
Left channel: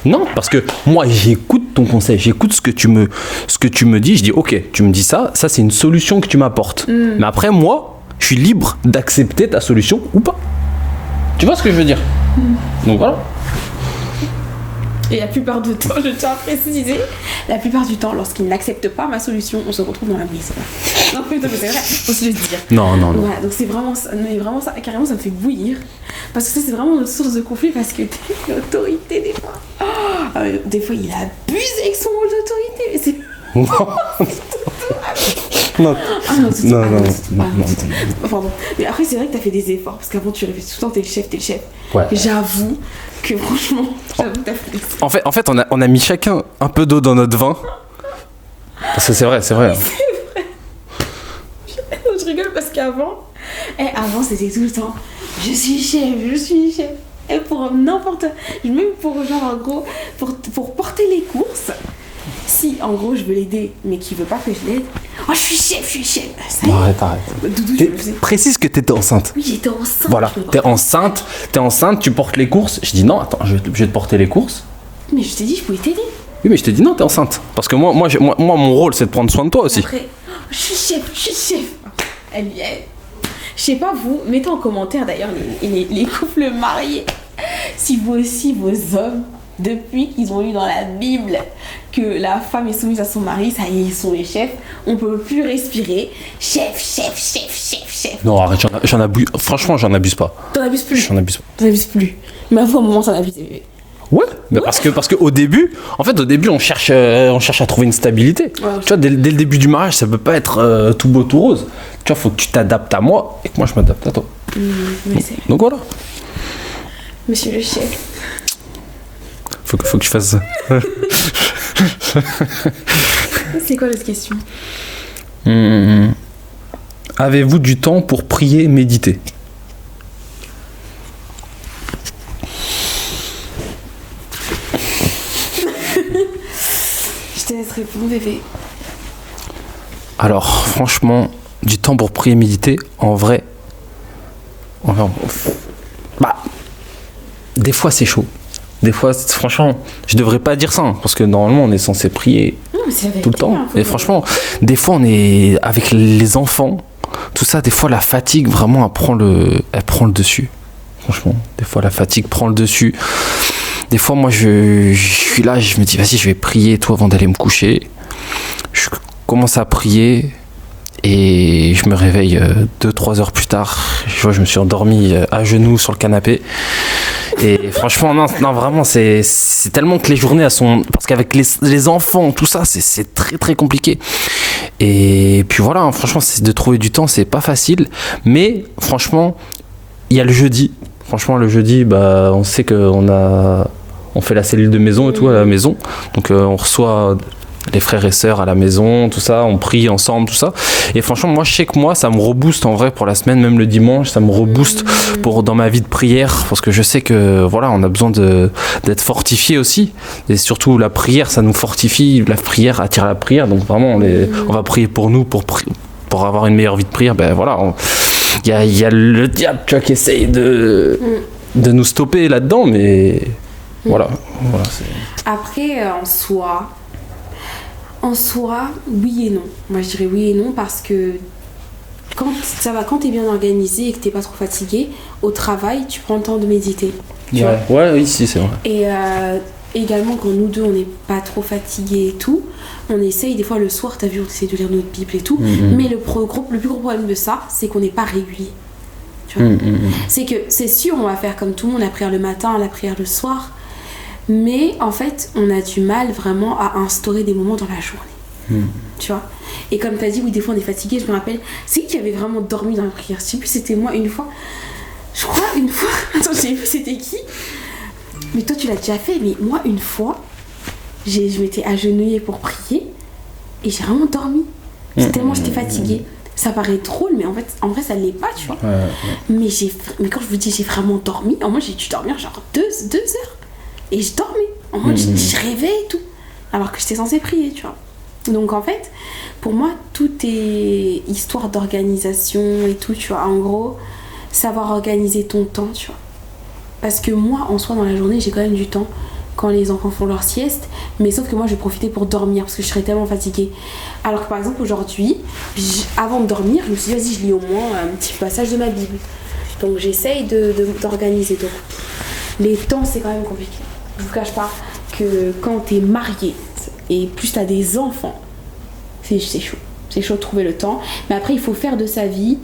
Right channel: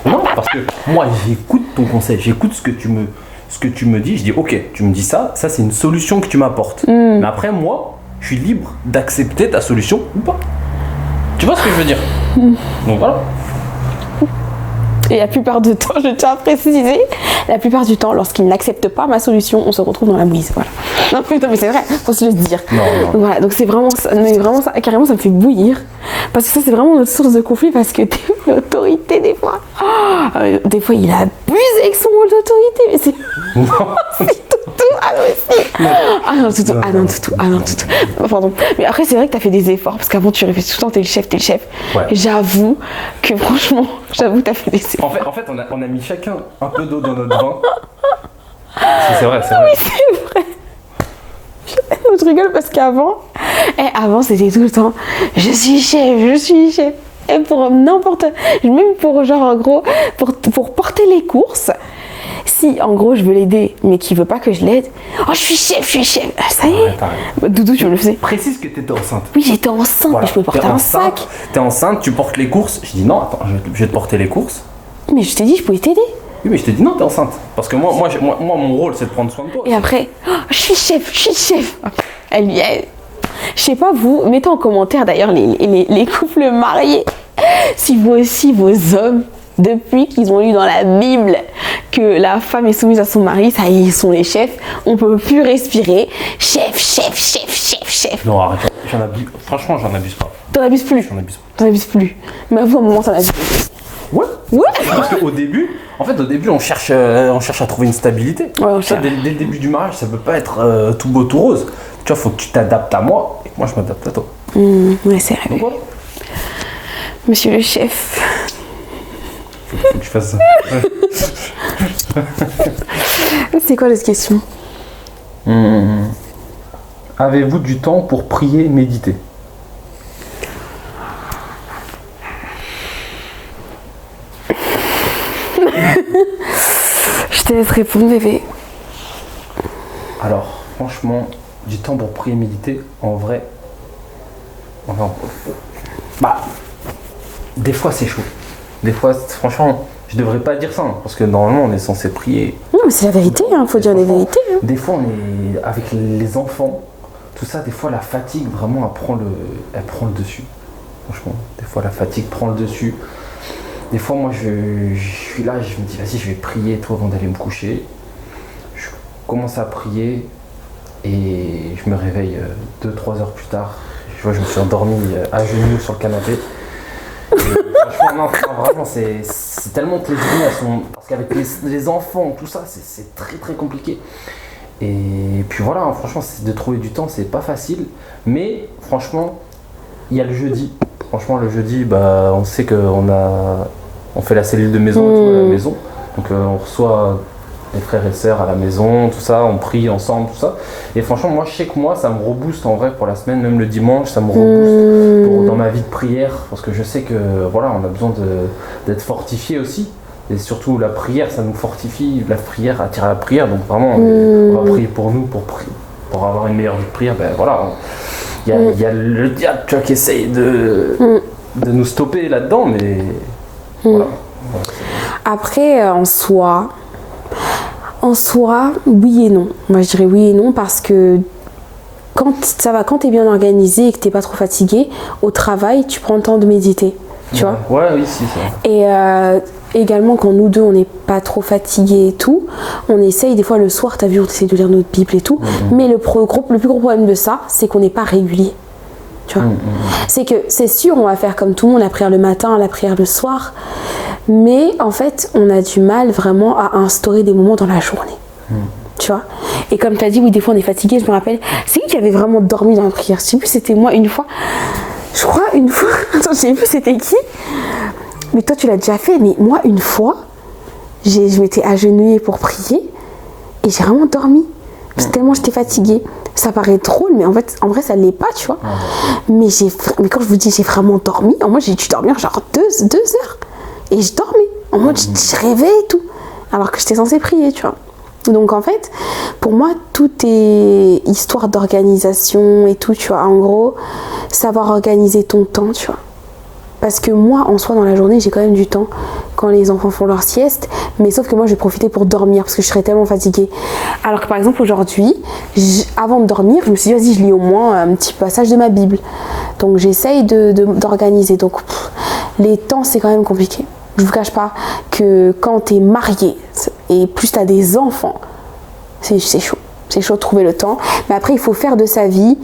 Non, parce que moi, j'écoute ton conseil, j'écoute ce que tu me dis, je dis, ok, tu me dis ça c'est une solution que tu m'apportes. Mais après, moi, je suis libre d'accepter ta solution ou pas. Tu vois ce que je veux dire? Donc voilà. Et la plupart du temps, je tiens à préciser, la plupart du temps, lorsqu'ils n'acceptent pas ma solution, on se retrouve dans la mouise. Voilà. Non, mais c'est vrai, faut se le dire. Non. Voilà, donc c'est vraiment ça, carrément, ça me fait bouillir. Parce que ça, c'est vraiment notre source de conflit, parce que l'autorité, des fois, des fois, il abuse avec son rôle d'autorité. Mais c'est... Non. C'est tout. Ah non, toutou. Pardon. Mais après, c'est vrai que t'as fait des efforts, parce qu'avant, tu répètes tout le temps, t'es le chef. Ouais. J'avoue que, franchement, t'as fait des efforts. En fait, on a mis chacun un peu d'eau dans notre vin. Parce que c'est vrai. Oui, c'est vrai. Je rigole parce qu'avant, c'était tout le temps, je suis chef. Et pour n'importe, même pour genre en gros, pour porter les courses, si en gros je veux l'aider, mais qu'il veut pas que je l'aide, oh je suis chef. Ah, ça y est. Doudou, tu le faisais. Précise que t'étais enceinte. Oui, j'étais enceinte. Voilà, Je me portais t'es enceinte, tu portes les courses. Je dis non, attends, je vais te porter les courses. Mais je t'ai dit, je pouvais t'aider. Oui, mais je t'ai dit non, t'es enceinte. Parce que moi, mon rôle, c'est de prendre soin de toi aussi. Et après, oh, je suis chef. Elle y est. Je sais pas vous, mettez en commentaire d'ailleurs les couples mariés. Si vous aussi, vos hommes, depuis qu'ils ont lu dans la Bible que la femme est soumise à son mari, ça y est, ils sont les chefs, on peut plus respirer. Chef. Non, arrête, franchement, j'en abuse pas. T'en abuses plus. J'en abuse pas. T'en abuses plus. Mais à un moment, t'en abuses plus. Ouais. Parce qu'au début, on cherche à trouver une stabilité. Ouais, tu vois, dès le début du mariage, ça peut pas être tout beau, tout rose. Tu vois, faut que tu t'adaptes à moi et que moi je m'adapte à toi. Ouais, c'est vrai. Donc voilà. Monsieur le chef. Faut que je fasse ça. C'est quoi l'autre question? Avez-vous du temps pour prier, méditer? Je te laisse répondre, bébé. Alors, franchement, du temps pour prier, méditer, en vrai, des fois c'est chaud. Des fois, franchement, je devrais pas dire ça, hein, parce que normalement on est censé prier Non, mais c'est la tout le vérité. temps. Faut Et dire la franchement, vérité. des fois on est avec les enfants, tout ça, des fois la fatigue vraiment elle prend le dessus. Franchement, des fois la fatigue prend le dessus. Des fois moi je suis là, je me dis vas-y je vais prier tout avant d'aller me coucher. Je commence à prier et je me réveille 2-3 heures plus tard. Je vois je me suis endormi à genoux sur le canapé. Et franchement non vraiment c'est tellement que les journées elles sont, parce qu'avec les enfants tout ça c'est très très compliqué. Et puis voilà, hein, franchement c'est de trouver du temps, c'est pas facile, mais franchement il y a le jeudi. Franchement le jeudi on sait on fait la cellule de maison et tout à la maison, donc on reçoit les frères et sœurs à la maison, tout ça, on prie ensemble, tout ça. Et franchement, moi, je sais que moi, ça me rebooste en vrai pour la semaine, même le dimanche, ça me rebooste dans ma vie de prière, parce que je sais que voilà, on a besoin d'être fortifié aussi. Et surtout, la prière, ça nous fortifie. La prière attire à la prière, donc vraiment, on va prier pour nous, pour avoir une meilleure vie de prière. Ben voilà, il y a le diable, tu vois, qui essaye de nous stopper là-dedans, mais voilà. Après, en soi, oui et non. Moi, je dirais oui et non parce que quand t'es bien organisé et que t'es pas trop fatigué, au travail, tu prends le temps de méditer. Tu vois ? Ouais, oui, si, c'est vrai. Et également, quand nous deux, on n'est pas trop fatigués et tout, on essaye, des fois le soir, t'as vu, on essaie de lire notre Bible et tout. Mais le plus gros problème de ça, c'est qu'on n'est pas régulier. Tu vois ? C'est que, c'est sûr, on va faire comme tout le monde, la prière le matin, la prière le soir. Mais en fait, on a du mal vraiment à instaurer des moments dans la journée. Tu vois ? Et comme tu as dit, oui, des fois on est fatigué, je me rappelle. C'est qui avait vraiment dormi dans la prière ? Je sais plus, c'était moi une fois. Je crois une fois, attends, j'ai vu c'était qui. Mais toi tu l'as déjà fait, mais moi une fois, je m'étais agenouillée pour prier et j'ai vraiment dormi. Tellement j'étais fatiguée. Ça paraît drôle, mais en vrai ça l'est pas, tu vois. Mais quand je vous dis j'ai vraiment dormi, en moi j'ai dû dormir genre 2 heures. Et je dormais. En mode je rêvais et tout. Alors que j'étais censée prier, tu vois. Donc en fait, pour moi, tout est histoire d'organisation et tout, tu vois. En gros, savoir organiser ton temps, tu vois. Parce que moi, en soi, dans la journée, j'ai quand même du temps quand les enfants font leur sieste. Mais sauf que moi, je vais profiter pour dormir parce que je serais tellement fatiguée. Alors que par exemple, aujourd'hui, avant de dormir, je me suis dit, vas-y, je lis au moins un petit passage de ma Bible. Donc j'essaye d'organiser. Donc les temps, c'est quand même compliqué. Je vous cache pas que quand t'es marié et plus t'as des enfants, c'est chaud. C'est chaud de trouver le temps. Mais après, il faut faire de sa vie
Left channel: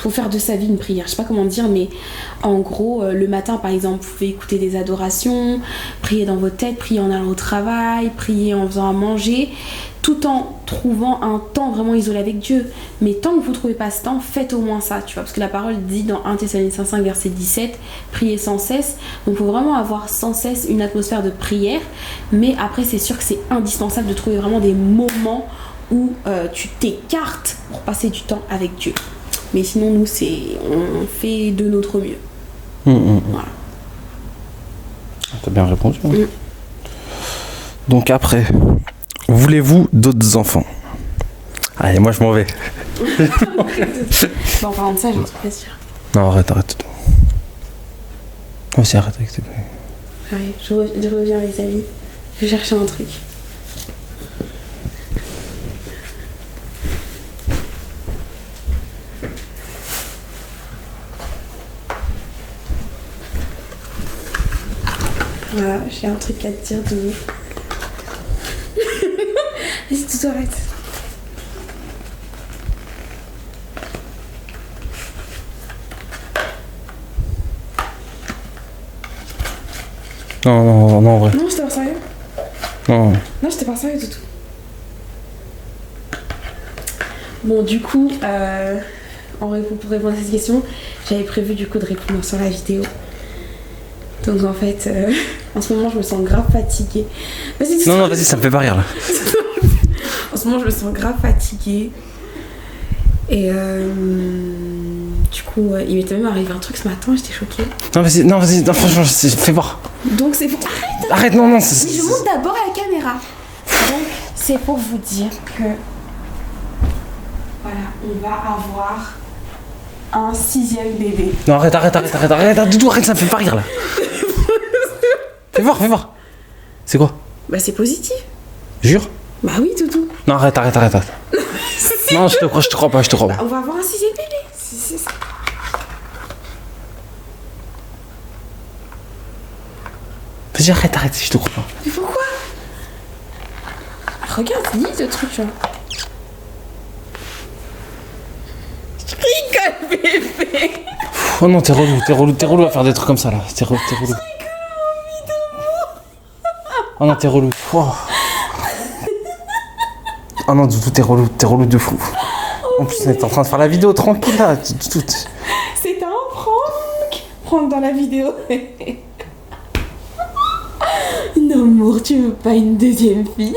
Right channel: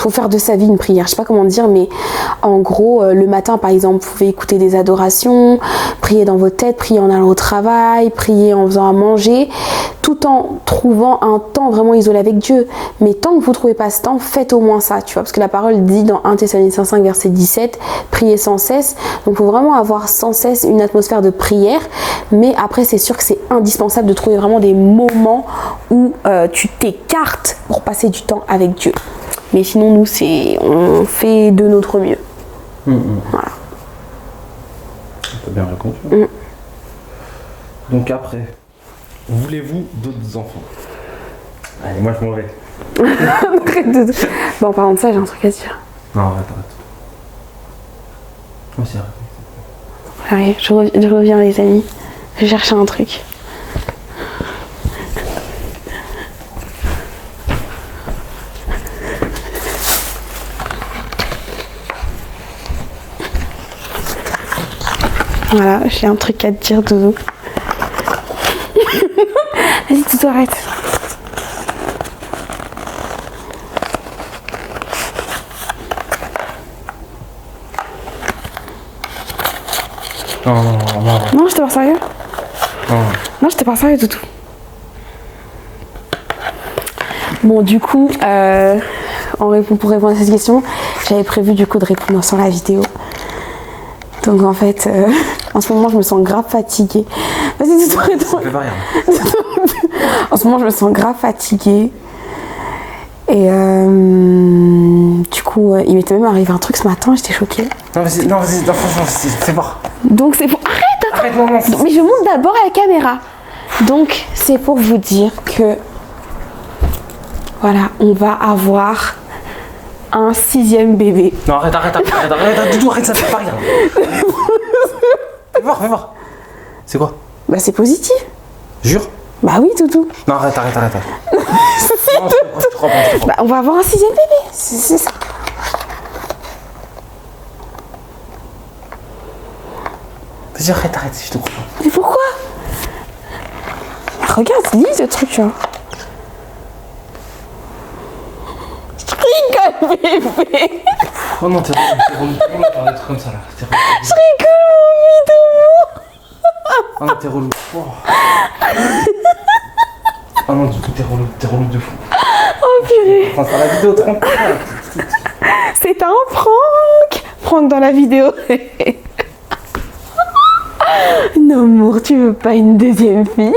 faut faire de sa vie une prière. Je sais pas comment dire, mais en gros, le matin, par exemple, vous pouvez écouter des adorations, prier dans votre tête, prier en allant au travail, prier en faisant à manger, tout en trouvant un temps vraiment isolé avec Dieu. Mais tant que vous trouvez pas ce temps, faites au moins ça, tu vois, parce que la parole dit dans 1 Thessaloniciens 5 verset 17, priez sans cesse. Donc il faut vraiment avoir sans cesse une atmosphère de prière, mais après c'est sûr que c'est indispensable de trouver vraiment des moments où tu t'écartes pour passer du temps avec Dieu. Mais sinon nous on fait de notre mieux. Voilà. T'as bien répondu. Donc après, voulez-vous d'autres enfants? Allez, moi je m'en vais. Bon, en parlant de ça, j'ai un truc à dire. Non, arrête. Oh, si, arrête avec tes... Allez, je reviens les amis. Je cherche un truc. Voilà, j'ai un truc à te dire, Doudou. Vas-y, Doudou, arrête. Non. Non, j'étais pas sérieux. Non, j'étais pas sérieux du tout. Bon, du coup, pour répondre à cette question, j'avais prévu du coup de répondre sur la vidéo. Donc en fait, en ce moment, je me sens grave fatiguée. Vas-y, dis-toi. Non, vas-y, ça me fait pas rire là. En ce moment, je me sens grave fatiguée. Et du coup, il m'était même arrivé un truc ce matin, j'étais choquée. Non, vas-y, franchement, fais voir. Donc c'est pour... Arrête, non. Mais je monte d'abord à la caméra. Donc c'est pour vous dire que... Voilà, on va avoir un 6e bébé. Non, arrête, du tout, arrête, ça me fait pas rire là. Fais voir. C'est quoi? Bah c'est positif. Jure? Bah oui, Toutou. Non, arrête. Non, je te crois pas. Bah, on va avoir un 6e bébé, c'est ça. Vas-y, arrête, je te crois pas. Mais pourquoi? Regarde, lis ce truc, tu vois. Je rigole, bébé. Oh non, t'es relou à faire des trucs comme ça là. T'es relou. Je rigole, mon vidéo. Oh non, t'es relou. Oh non, du tout, t'es relou de fou. En plus, t'es en train de faire la vidéo tranquille là. C'est un prank. Prank dans la vidéo. Non, amour, tu veux pas une 2e fille?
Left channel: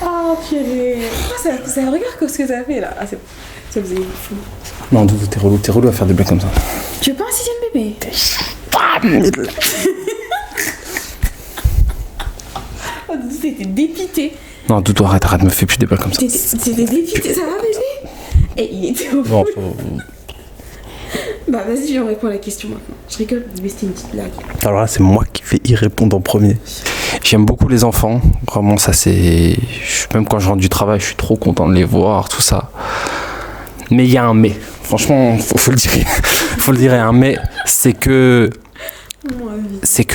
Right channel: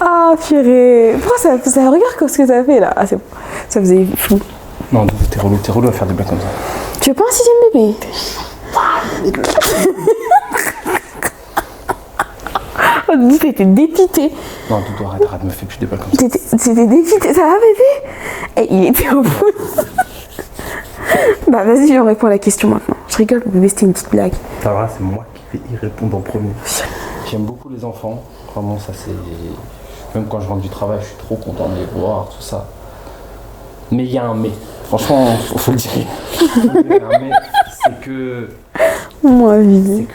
Ah, purée. Pourquoi ça regarde comme ce que ça fait là? Ah, ça faisait fou. Non, t'es relou à faire des blagues comme ça. Tu veux pas un 6e bébé? Oh, Doudou, t'étais dépité. Non, Doudou, arrête, me fais plus des blagues comme ça. T'étais dépité, ça va, bébé? Et il était au bout. Bah, vas-y, je réponds à la question maintenant. Je rigole, mais c'était une petite blague. Alors là, c'est moi qui vais y répondre en premier. J'aime beaucoup les enfants. Vraiment, ça c'est... Même quand je rentre du travail, je suis trop content de les voir, tout ça. Mais il y a un mais. Franchement, faut le dire. Faut le dire, il y a un mais. C'est que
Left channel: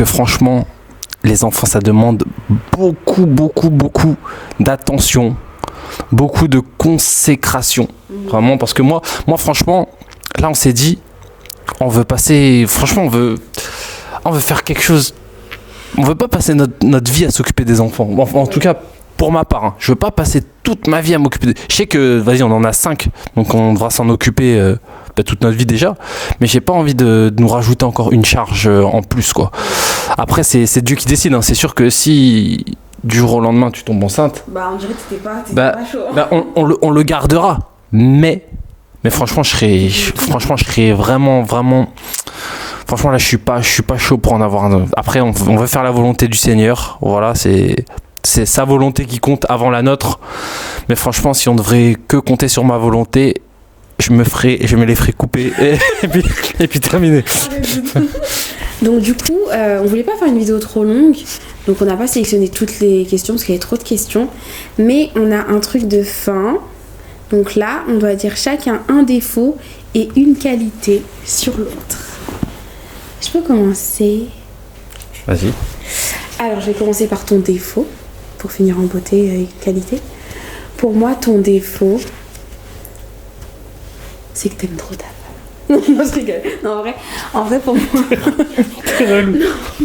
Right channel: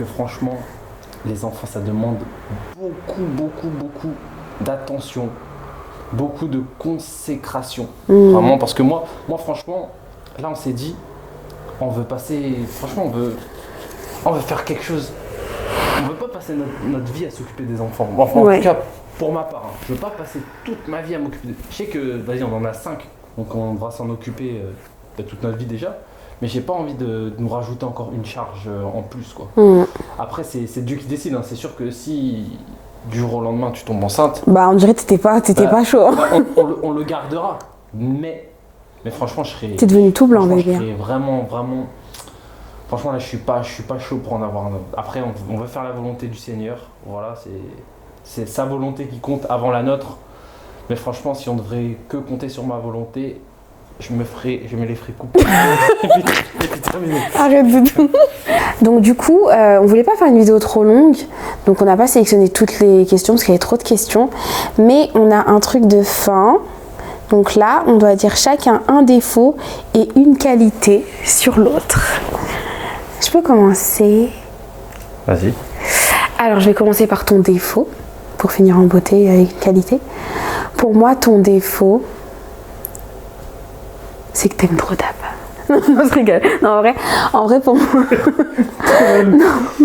franchement, les enfants, ça demande beaucoup d'attention. Beaucoup de consécration. Vraiment, parce que moi, franchement, là, on s'est dit, on veut passer... Franchement, on veut faire quelque chose... On veut pas passer notre vie à s'occuper des enfants. Bon, en tout cas, pour ma part, hein, je veux pas passer toute ma vie à m'occuper de... Je sais que, vas-y, on en a 5, donc on devra s'en occuper toute notre vie déjà, mais j'ai pas envie de nous rajouter encore une charge en plus, quoi. Après, c'est Dieu qui décide, hein. C'est sûr que si du jour au lendemain tu tombes enceinte... Bah, on dirait que t'étais pas chaud. Hein. On le gardera, mais franchement, je serais vraiment... Franchement, là, je suis pas chaud pour en avoir un. Après, on veut faire la volonté du Seigneur. Voilà, c'est sa volonté qui compte avant la nôtre. Mais franchement, si on devrait que compter sur ma volonté, je me les ferais couper et puis terminer. Arrête de... Donc du coup, on voulait pas faire une vidéo trop longue. Donc on n'a pas sélectionné toutes les questions parce qu'il y avait trop de questions. Mais on a un truc de fin. Donc là, on doit dire chacun un défaut et une qualité sur l'autre. Je peux commencer? Vas-y. Alors, je vais commencer par ton défaut, pour finir en beauté avec qualité. Pour moi, ton défaut, c'est que t'aimes trop ta femme. Non, je rigole. Non, en vrai, pour moi...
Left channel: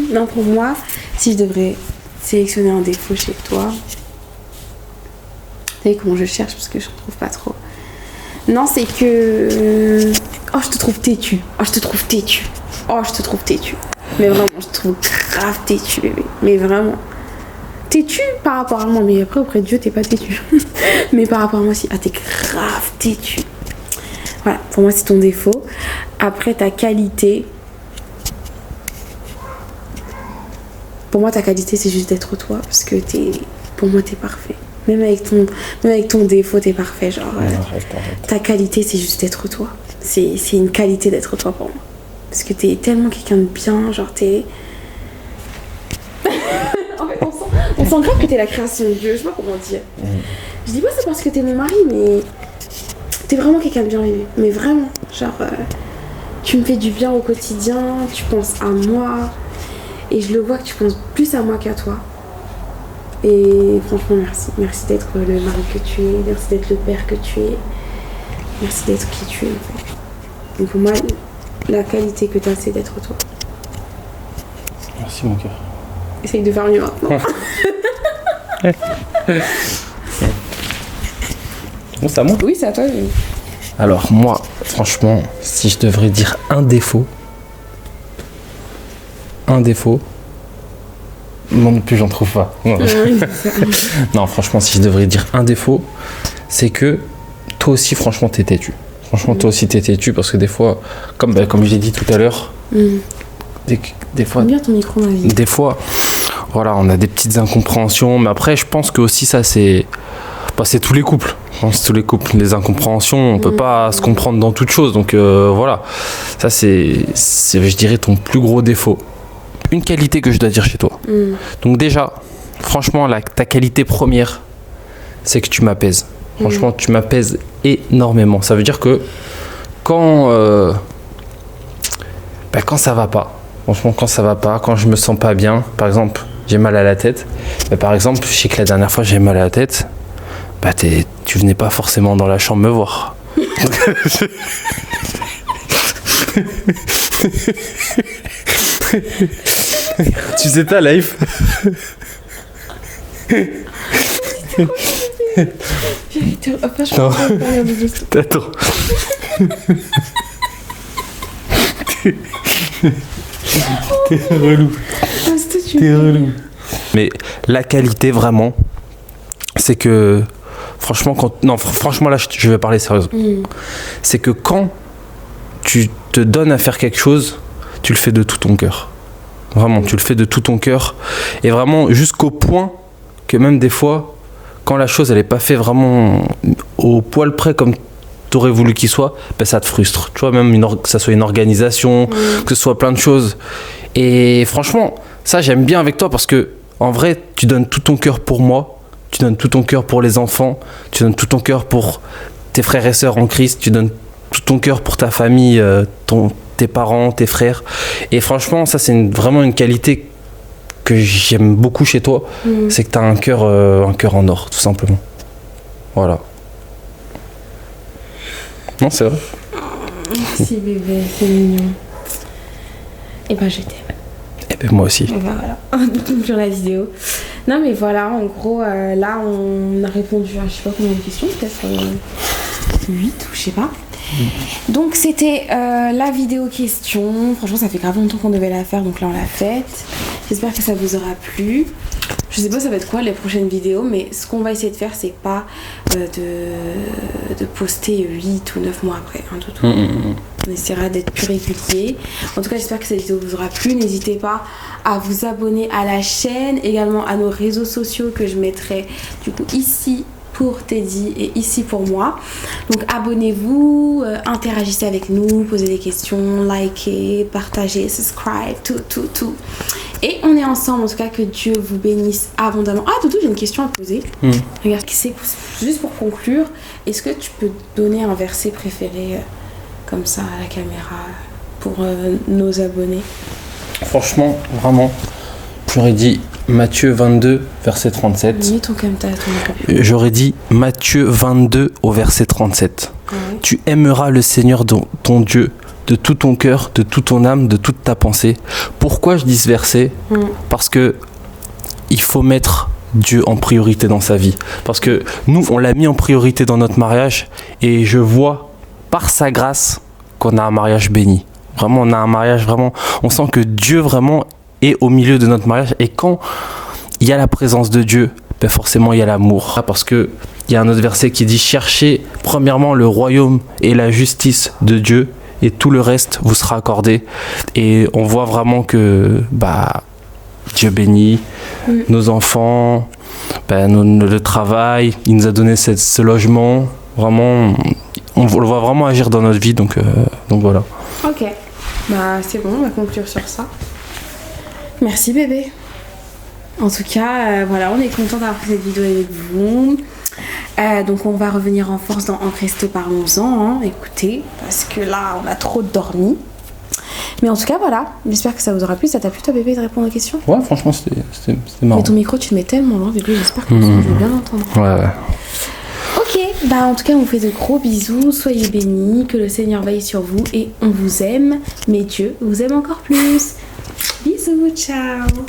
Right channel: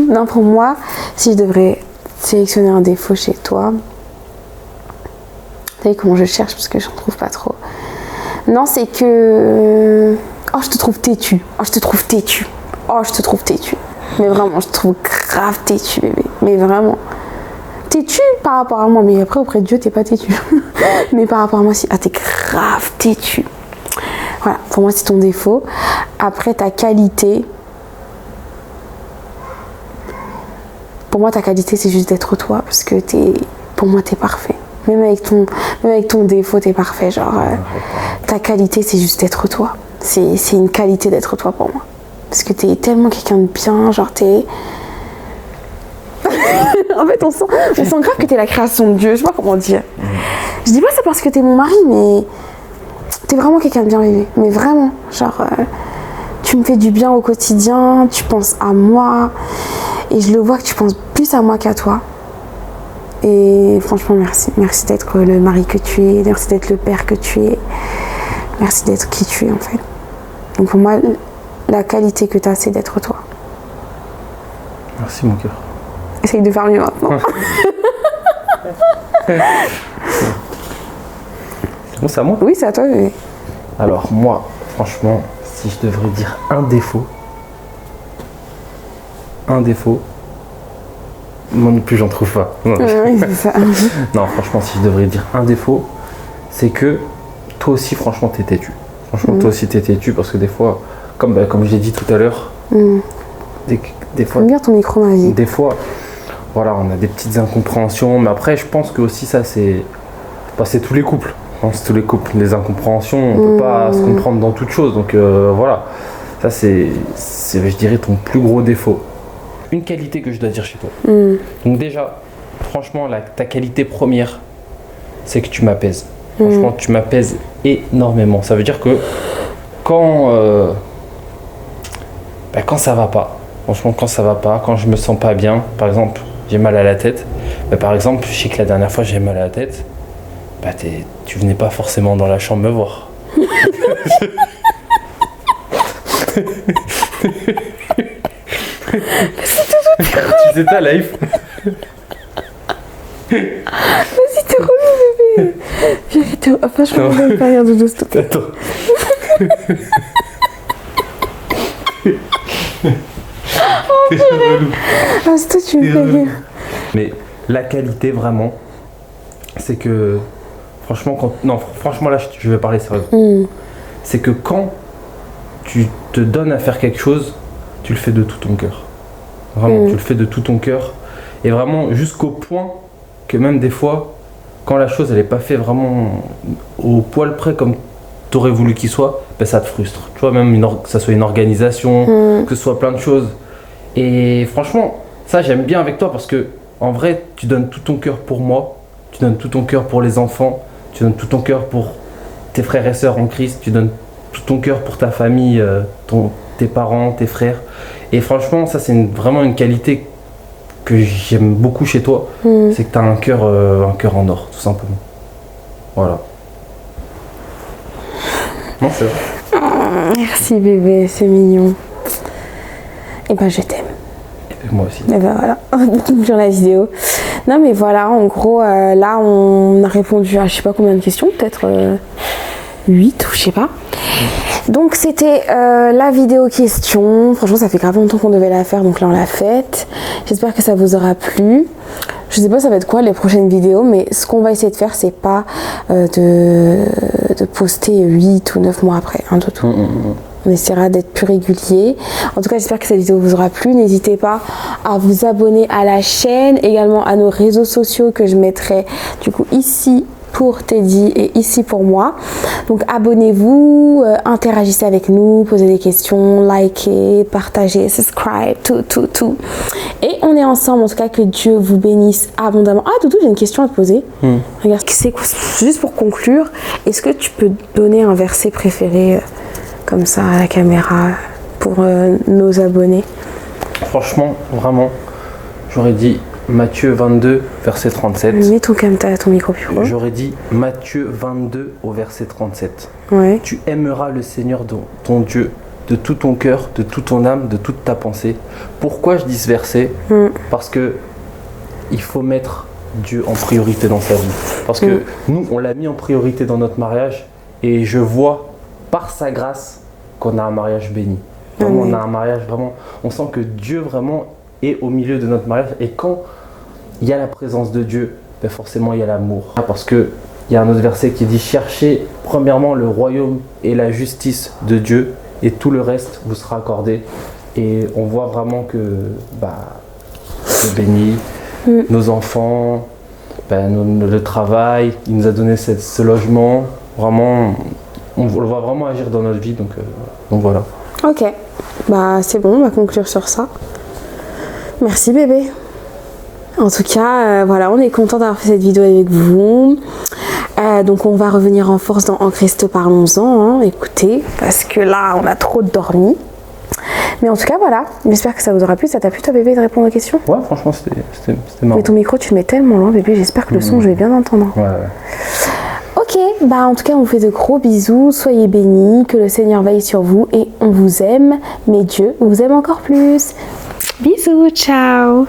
non, pour moi, si je devrais sélectionner un défaut chez toi... Vous savez comment je cherche, parce que je ne trouve pas trop. Non, c'est que... Oh, je te trouve têtu. Oh, je te trouve têtu. Oh, je te trouve têtu. Mais vraiment, je te trouve grave têtu, bébé. Mais vraiment. Têtu par rapport à moi. Mais après, auprès de Dieu, t'es pas têtu. Mais par rapport à moi, si. Ah, t'es grave têtu. Voilà, pour moi, c'est ton défaut. Après, ta qualité. Pour moi, ta qualité, c'est juste d'être toi. Parce que pour moi, t'es parfait. Même avec ton défaut, t'es parfait. Genre, ta qualité, c'est juste d'être toi. C'est une qualité d'être toi pour moi. Parce que t'es tellement quelqu'un de bien, genre t'es... En fait, on sent grave que t'es la création de Dieu, je sais pas comment dire. Je dis pas ça parce que t'es mon mari, mais... T'es vraiment quelqu'un de bien, bébé. Mais vraiment, genre... tu me fais du bien au quotidien, tu penses à moi. Et je le vois que tu penses plus à moi qu'à toi. Et franchement, merci. Merci d'être le mari que tu es, merci d'être le père que tu es. Merci d'être qui tu es, en fait. Donc pour moi... La qualité que tu as, c'est d'être toi. Merci, mon cœur. Essaye de faire mieux maintenant. Bon, c'est à moi? Oui, c'est à toi. Mais... Alors, moi, franchement, si je devrais dire un défaut... Moi non plus, j'en trouve pas. Non, franchement, si je devrais dire un défaut, c'est que toi aussi, franchement, t'es têtu. Franchement, toi aussi, t'es têtu parce que des fois, comme je l'ai dit tout à l'heure, des fois... bien ton micro, ma vie. Des fois, voilà, on a des petites incompréhensions. Mais après, je pense que aussi ça, c'est tous les couples. Je pense que tous les couples, des incompréhensions, on peut pas se comprendre dans toute chose. Donc voilà, ça c'est, je dirais, ton plus gros défaut. Une qualité que je dois dire chez toi. Donc déjà, franchement, ta qualité première, c'est que tu m'apaises. Franchement, tu m'apaises énormément. Ça veut dire que quand ça va pas, franchement, quand ça va pas, quand je me sens pas bien, par exemple, j'ai mal à la tête. Par exemple, je sais que la dernière fois, j'ai mal à la tête. Tu venais pas forcément dans la chambre me voir. Tu sais ta life. Franchement, je vais pas regarder de stop. Attends. T'es relou. Ah, c'est toi, tu me fais rire. Mais la qualité, vraiment, c'est que... Franchement, franchement, là, je vais parler sérieusement. C'est que quand tu te donnes à faire quelque chose, tu le fais de tout ton cœur. Vraiment, tu le fais de tout ton cœur. Et vraiment, jusqu'au point que même des fois, quand la chose, elle n'est pas faite vraiment au poil près comme tu aurais voulu qu'il soit, ça te frustre. Tu vois, même que ça soit une organisation, que ce soit plein de choses. Et franchement, ça, j'aime bien avec toi parce que, en vrai, tu donnes tout ton cœur pour moi. Tu donnes tout ton cœur pour les enfants. Tu donnes tout ton cœur pour tes frères et sœurs en Christ. Tu donnes tout ton cœur pour ta famille, tes parents, tes frères. Et franchement, ça, c'est vraiment une qualité que j'aime beaucoup chez toi. C'est que tu as un cœur en or, tout simplement. Voilà. Non, c'est vrai. Merci bébé, c'est mignon. Et ben je t'aime. Et ben moi aussi. Et ben voilà, sur la vidéo. Non mais voilà, en gros, là on a répondu à je sais pas combien de questions, peut-être 8 ou je sais pas. Donc c'était la vidéo question. Franchement, ça fait grave longtemps qu'on devait la faire, donc là on l'a faite. J'espère que ça vous aura plu. Je sais pas ça va être quoi les prochaines vidéos, mais ce qu'on va essayer de faire, c'est pas de poster 8 ou 9 mois après, hein, de tout. On essaiera d'être plus régulier. En tout cas, j'espère que cette vidéo vous aura plu. N'hésitez pas à vous abonner à la chaîne, également à nos réseaux sociaux que je mettrai du coup ici pour Teddy et ici pour moi. Donc abonnez-vous, interagissez avec nous, posez des questions, likez, partagez, subscribe, tout. Et on est ensemble, en tout cas que Dieu vous bénisse abondamment. Ah Doudou, j'ai une question à te poser. Regarde, c'est juste pour conclure, est-ce que tu peux donner un verset préféré comme ça à la caméra pour nos abonnés? Franchement, vraiment, j'aurais dit Matthieu 22, verset 37. Mets ton micro plus haut. J'aurais dit Matthieu 22 au verset 37. Ouais. Tu aimeras le Seigneur ton Dieu de tout ton cœur, de toute ton âme, de toute ta pensée. Pourquoi je dis ce verset? Parce que il faut mettre Dieu en priorité dans sa vie. Parce que nous, on l'a mis en priorité dans notre mariage et je vois par sa grâce qu'on a un mariage béni. Vraiment, on a un mariage vraiment... On sent que Dieu vraiment est au milieu de notre mariage. Et quand il y a la présence de Dieu, ben forcément, il y a l'amour. Parce qu'il y a un autre verset qui dit « Cherchez premièrement le royaume et la justice de Dieu et tout le reste vous sera accordé. » Et on voit vraiment que Dieu bénit nos enfants, le travail. Il nous a donné ce logement. Vraiment, on le voit vraiment agir dans notre vie. Donc voilà. Ok, c'est bon, on va conclure sur ça. Merci bébé. En tout cas, voilà, on est content d'avoir fait cette vidéo avec vous. Donc on va revenir en force dans En Christ parlons-en, hein, écoutez, parce que là on a trop dormi. Mais en tout cas voilà, j'espère que ça vous aura plu. Ça t'a plu toi bébé de répondre aux questions? Ouais, franchement c'était marrant. Mais ton micro tu le mets tellement loin bébé, j'espère que le son je vais bien l'entendre. Ouais. Ok, en tout cas on vous fait de gros bisous, soyez bénis, que le Seigneur veille sur vous et on vous aime, mais Dieu vous aime encore plus. Bisous, ciao.